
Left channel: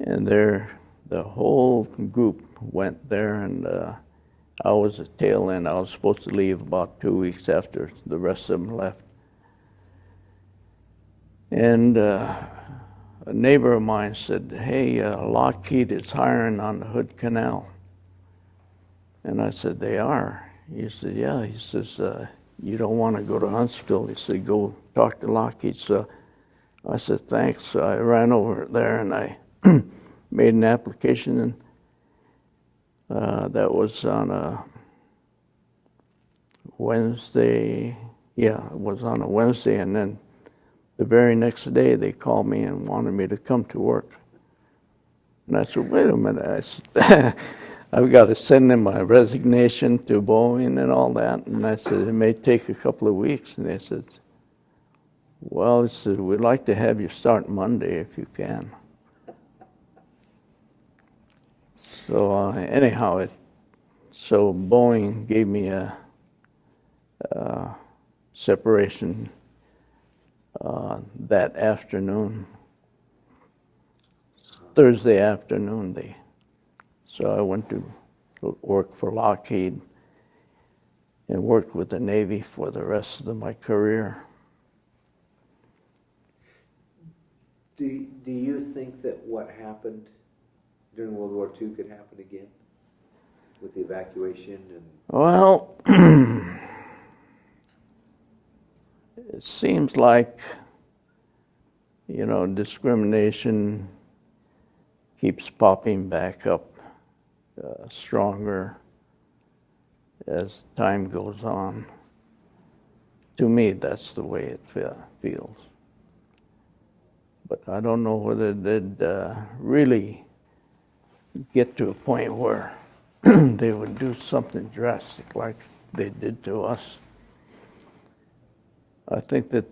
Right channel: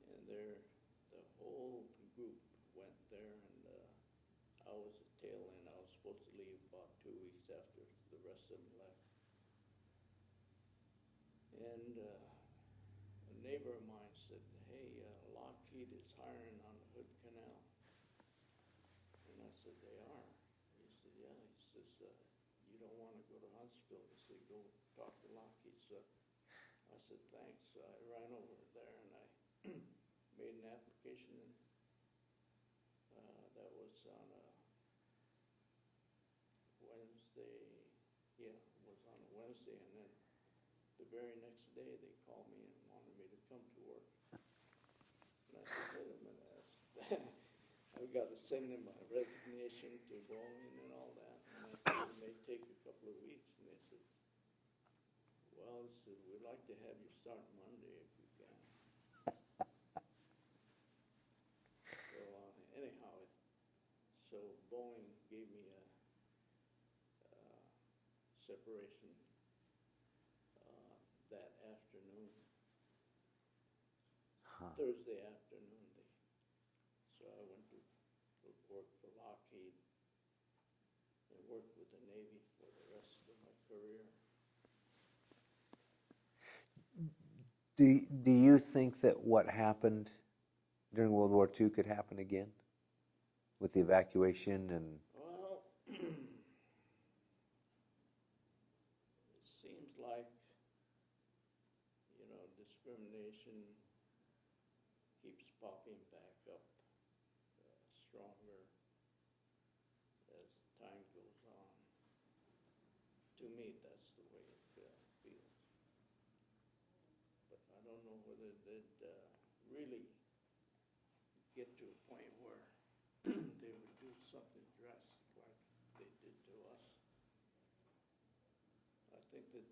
And the whole group went there, and I was at tail end. I was supposed to leave about 2 weeks after the rest of them left. And a neighbor of mine said, "Hey, Lockheed is hiring on the Hood Canal." And I said, "They are?" He said, "Yeah." He says, "You don't want to go to Huntsville." He said, "Go talk to Lockheed." So I said, "Thanks." So I ran over there and I made an application, and that was on a Wednesday. Yeah, it was on a Wednesday, and then the very next day they called me and wanted me to come to work. And I said, "Wait a minute." I said, "I've got to send in my resignation to Boeing and all that." And I said, "It may take a couple of weeks." And they said, "Well," he said, "we'd like to have you start Monday if you can." So anyhow, so Boeing gave me a separation that afternoon, Thursday afternoon. So I went to work for Lockheed and worked with the Navy for the rest of my career. Do you think that what happened during World War II could happen again with the evacuation and? Well, it seems like, discrimination keeps popping back up stronger as time goes on. To me, that's the way it feels. But I don't know whether they'd really get to a point where they would do something drastic like they did to us. I think that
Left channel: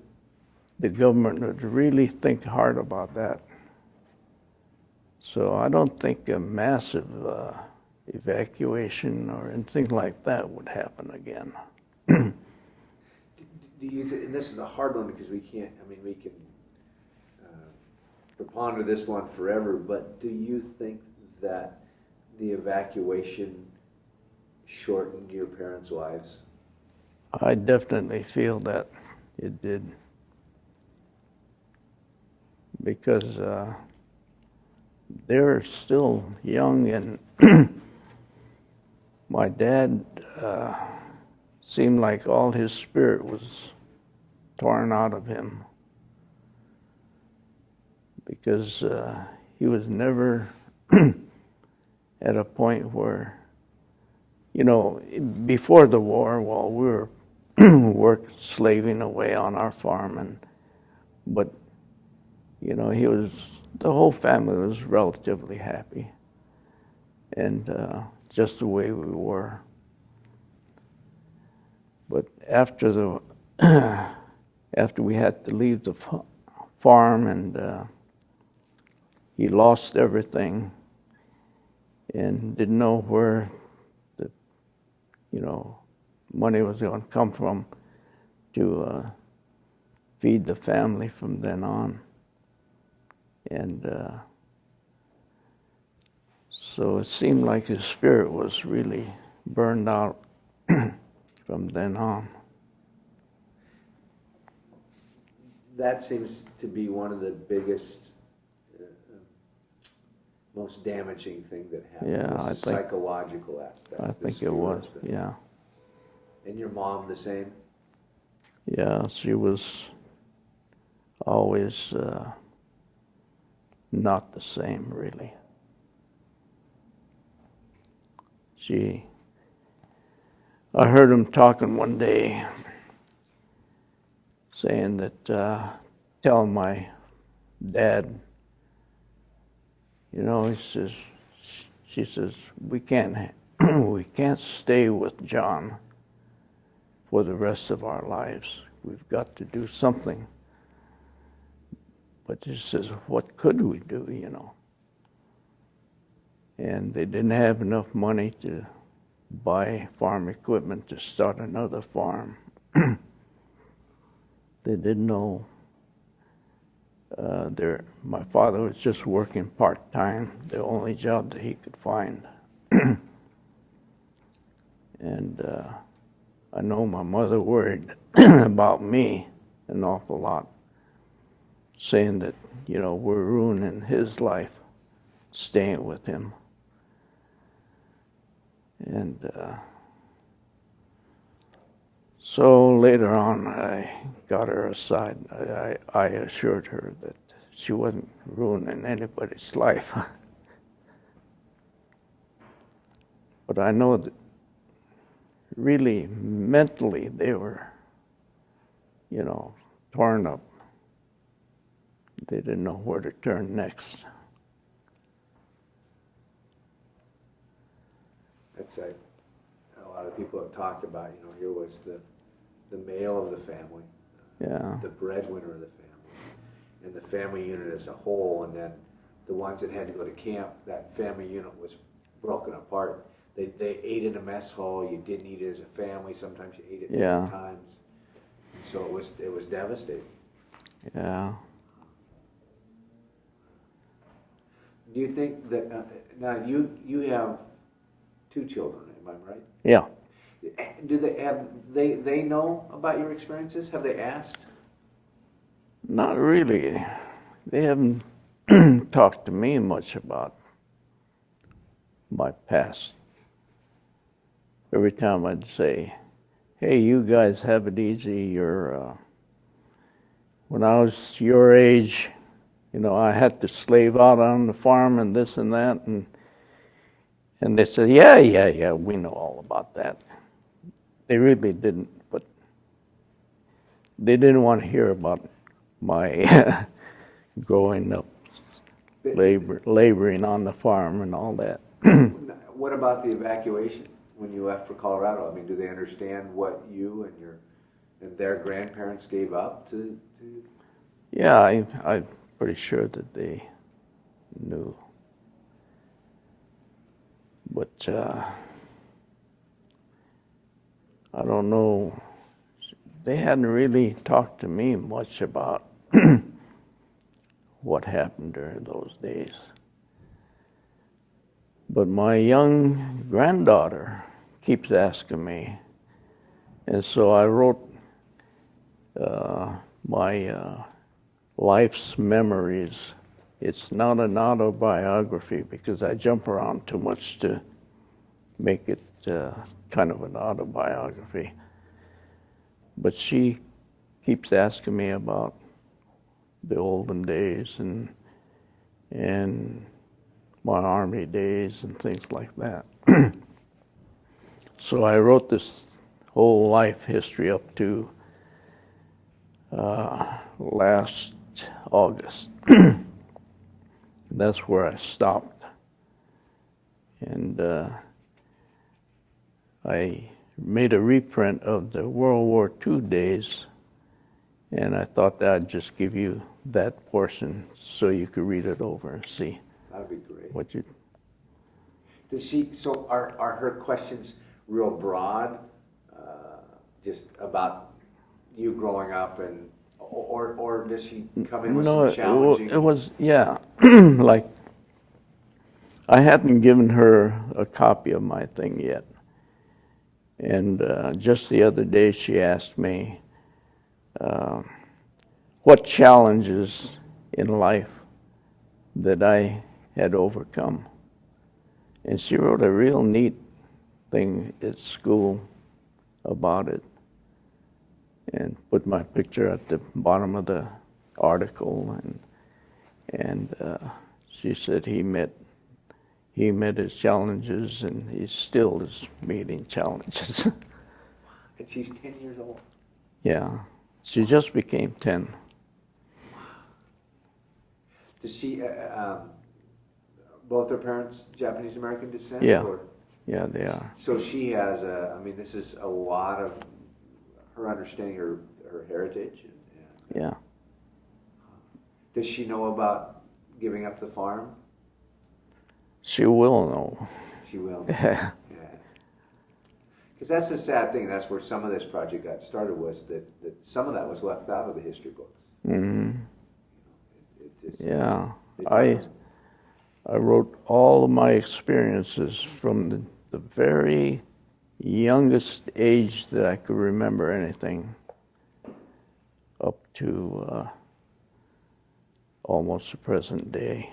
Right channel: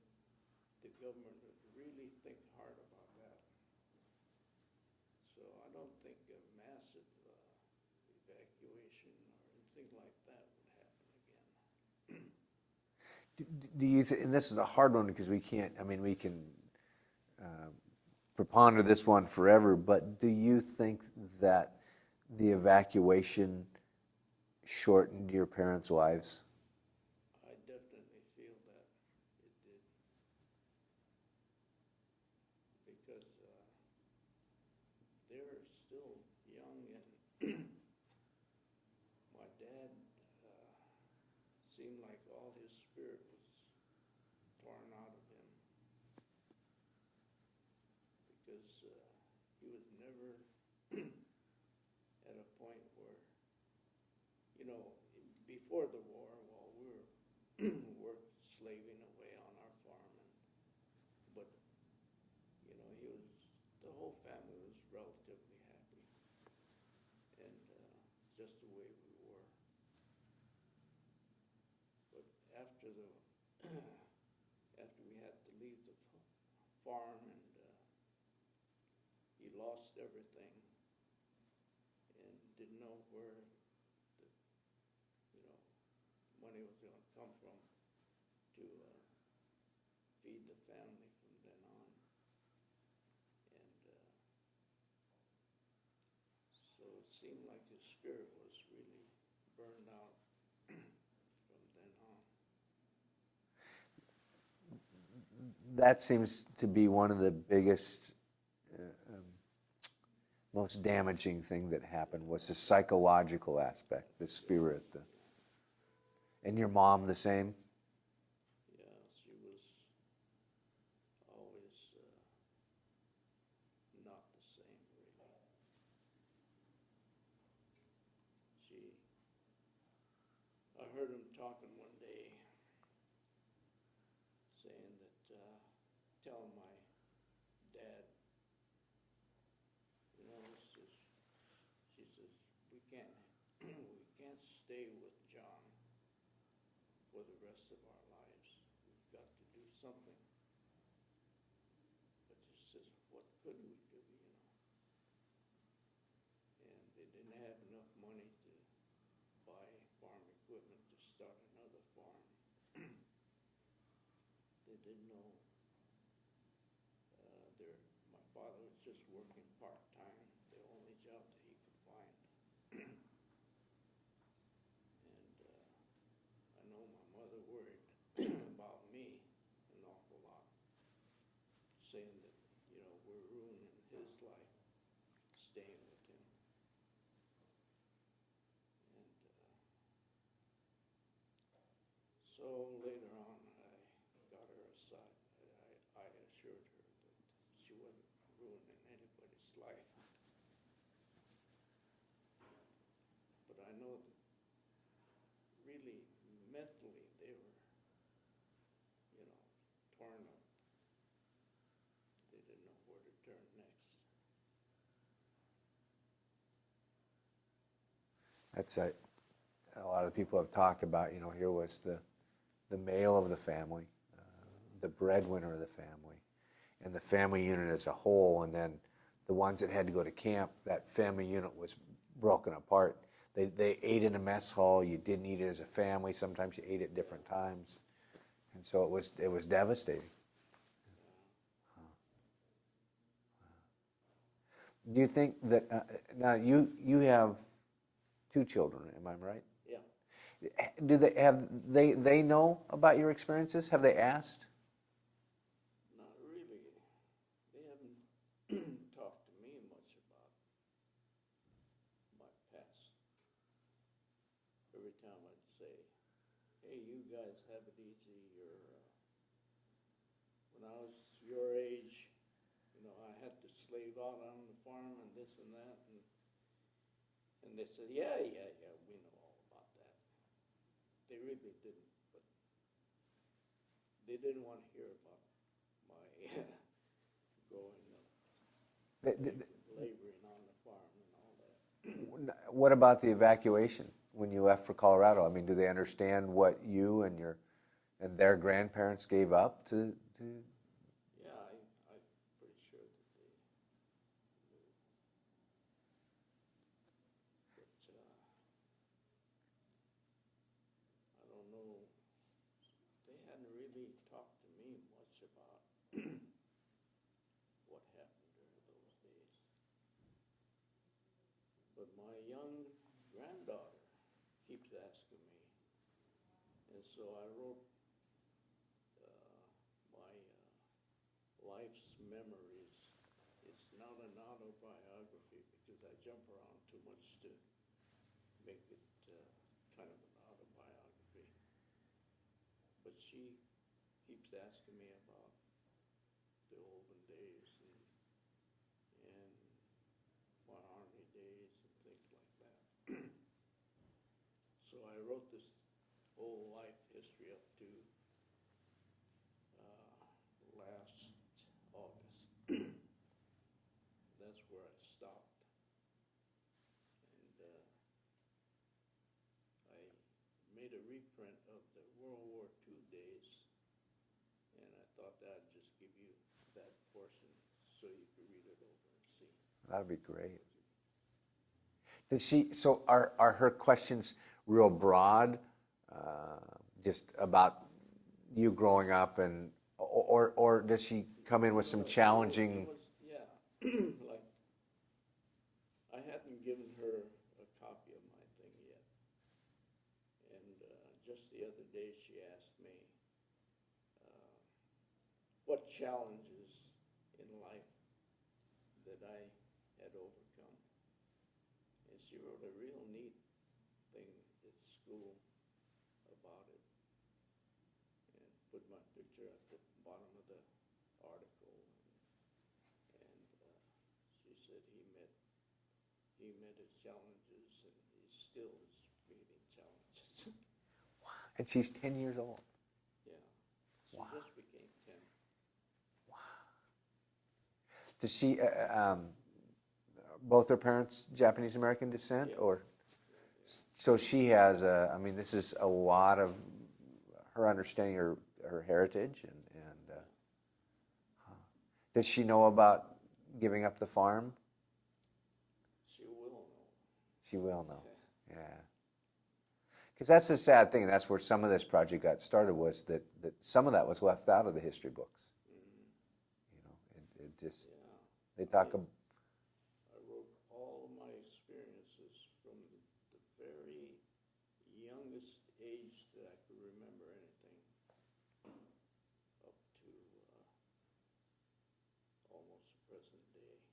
the government would really think hard about that. So I don't think a massive evacuation or anything like that would happen again. Do you think, and this is a hard one because we can ponder this one forever, but do you think that the evacuation shortened your parents' lives? I definitely feel that it did. Because they're still young, and my dad seemed like all his spirit was torn out of him, because he was never at a point where, before the war, while we were slaving away on our farm, and but the whole family was relatively happy, and just the way we were. But after after we had to leave the farm, and he lost everything and didn't know where the money was going to come from to feed the family from then on. And so it seemed like his spirit was really burned out from then on. That seems to be one of the biggest, most damaging thing that happened. Yeah, was the psychological aspect. I think it was, yeah. And your mom the same? Yeah, she was always not the same, really. I heard him talking one day, saying that, telling my dad, she says, we can't stay with John for the rest of our lives. We've got to do something. But she says, what could we do, And they didn't have enough money to buy farm equipment to start another farm. They didn't know. My father was just working part-time, the only job that he could find. And I know my mother worried about me an awful lot, saying that, we're ruining his life, staying with him. And so later on, I got her aside. I assured her that she wasn't ruining anybody's life. But I know that really mentally they were, torn up. They didn't know where to turn next. That's a lot of people have talked about, here was the male of the family, the breadwinner of the family, and the family unit as a whole, and then the ones that had to go to camp, that family unit was broken apart. They ate in a mess hall. You didn't eat it as a family. Sometimes you ate it different times. So it was devastating. Yeah. Do you think that now you have 2 children? Am I right? Yeah. Do they know about your experiences? Have they asked? Not really. They haven't talked to me much about my past. Every time I'd say, hey, you guys have it easy. When I was your age, I had to slave out on the farm and this and that. And they said, yeah, we know all about that. They really didn't, but they didn't want to hear about my growing up, laboring on the farm and all that. What about the evacuation when you left for Colorado? I mean, do they understand what you and their grandparents gave up to? Yeah, I'm pretty sure that they knew. But I don't know. They hadn't really talked to me much about what happened during those days. But my young granddaughter keeps asking me. And so I wrote my life's memories. It's not an autobiography because I jump around too much to make it kind of an autobiography. But she keeps asking me about the olden days and my Army days and things like that. So I wrote this whole life history up to last August. That's where I stopped. And I made a reprint of the World War II days, and I thought that I'd just give you that portion so you could read it over and see That'd be great. what you... Does she? So are her questions real broad, just about you growing up, and or does she come in with some challenging? It was yeah, like I hadn't given her a copy of my thing yet, and just the other day she asked me what challenges in life that I had overcome. And she wrote a real neat thing at school about it and put my picture at the bottom of the article. And she said he met his challenges, and he still is meeting challenges. And she's 10 years old. Yeah, she just became 10. Does she? Both her parents Japanese American descent? Yeah. Or? Yeah, they are. So she has this is a lot of her understanding her heritage. And, Yeah. does she know about giving up the farm? She will know. She will. Yeah. Because that's the sad thing. That's where some of this project got started, was that some of that was left out of the history books. Mm-hmm. Yeah. It I wrote all of my experiences from the very youngest age that I could remember anything up to almost the present day.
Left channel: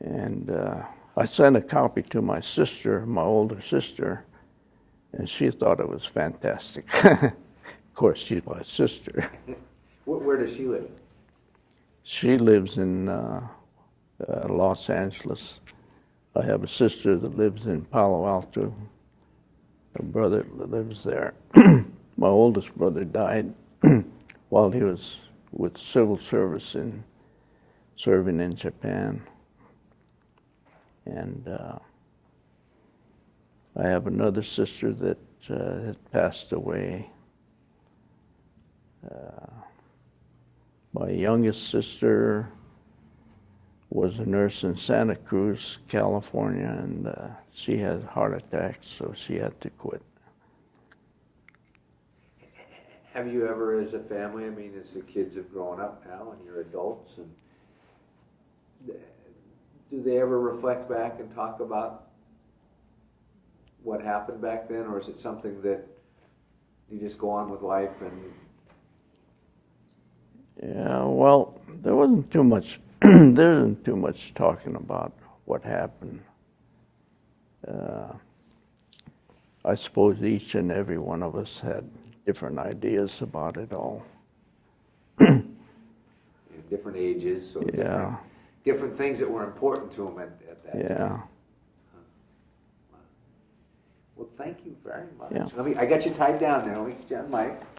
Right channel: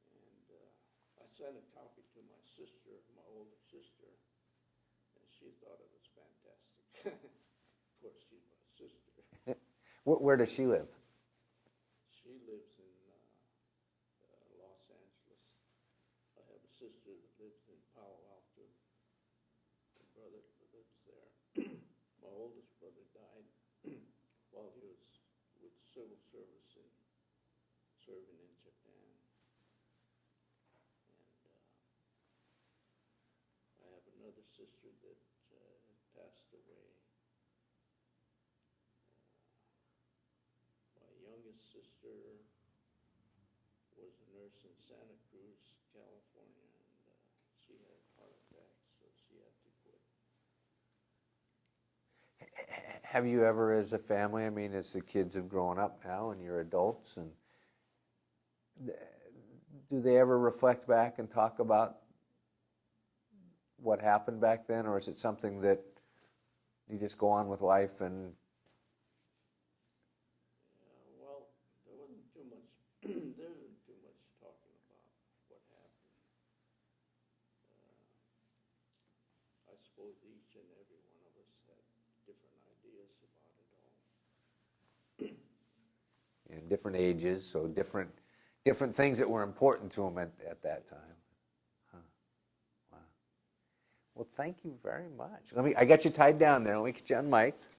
And I sent a copy to my sister, my older sister, and she thought it was fantastic. Of course, she's my sister. Where does she live? She lives in Los Angeles. I have a sister that lives in Palo Alto. A brother that lives there. My oldest brother died while he was with civil service serving in Japan. And I have another sister that had passed away. My youngest sister was a nurse in Santa Cruz, California, and she had a heart attack, so she had to quit. Have you ever, as a family, as the kids have grown up now and you're adults, and do they ever reflect back and talk about what happened back then, or is it something that you just go on with life and... Yeah, well, there wasn't too much. There isn't too much talking about what happened. I suppose each and every one of us had different ideas about it all. different ages, so Yeah. different things that were important to them at that Yeah. time. Well, thank you very much. Yeah. I got you tied down there. Let me get you on mic.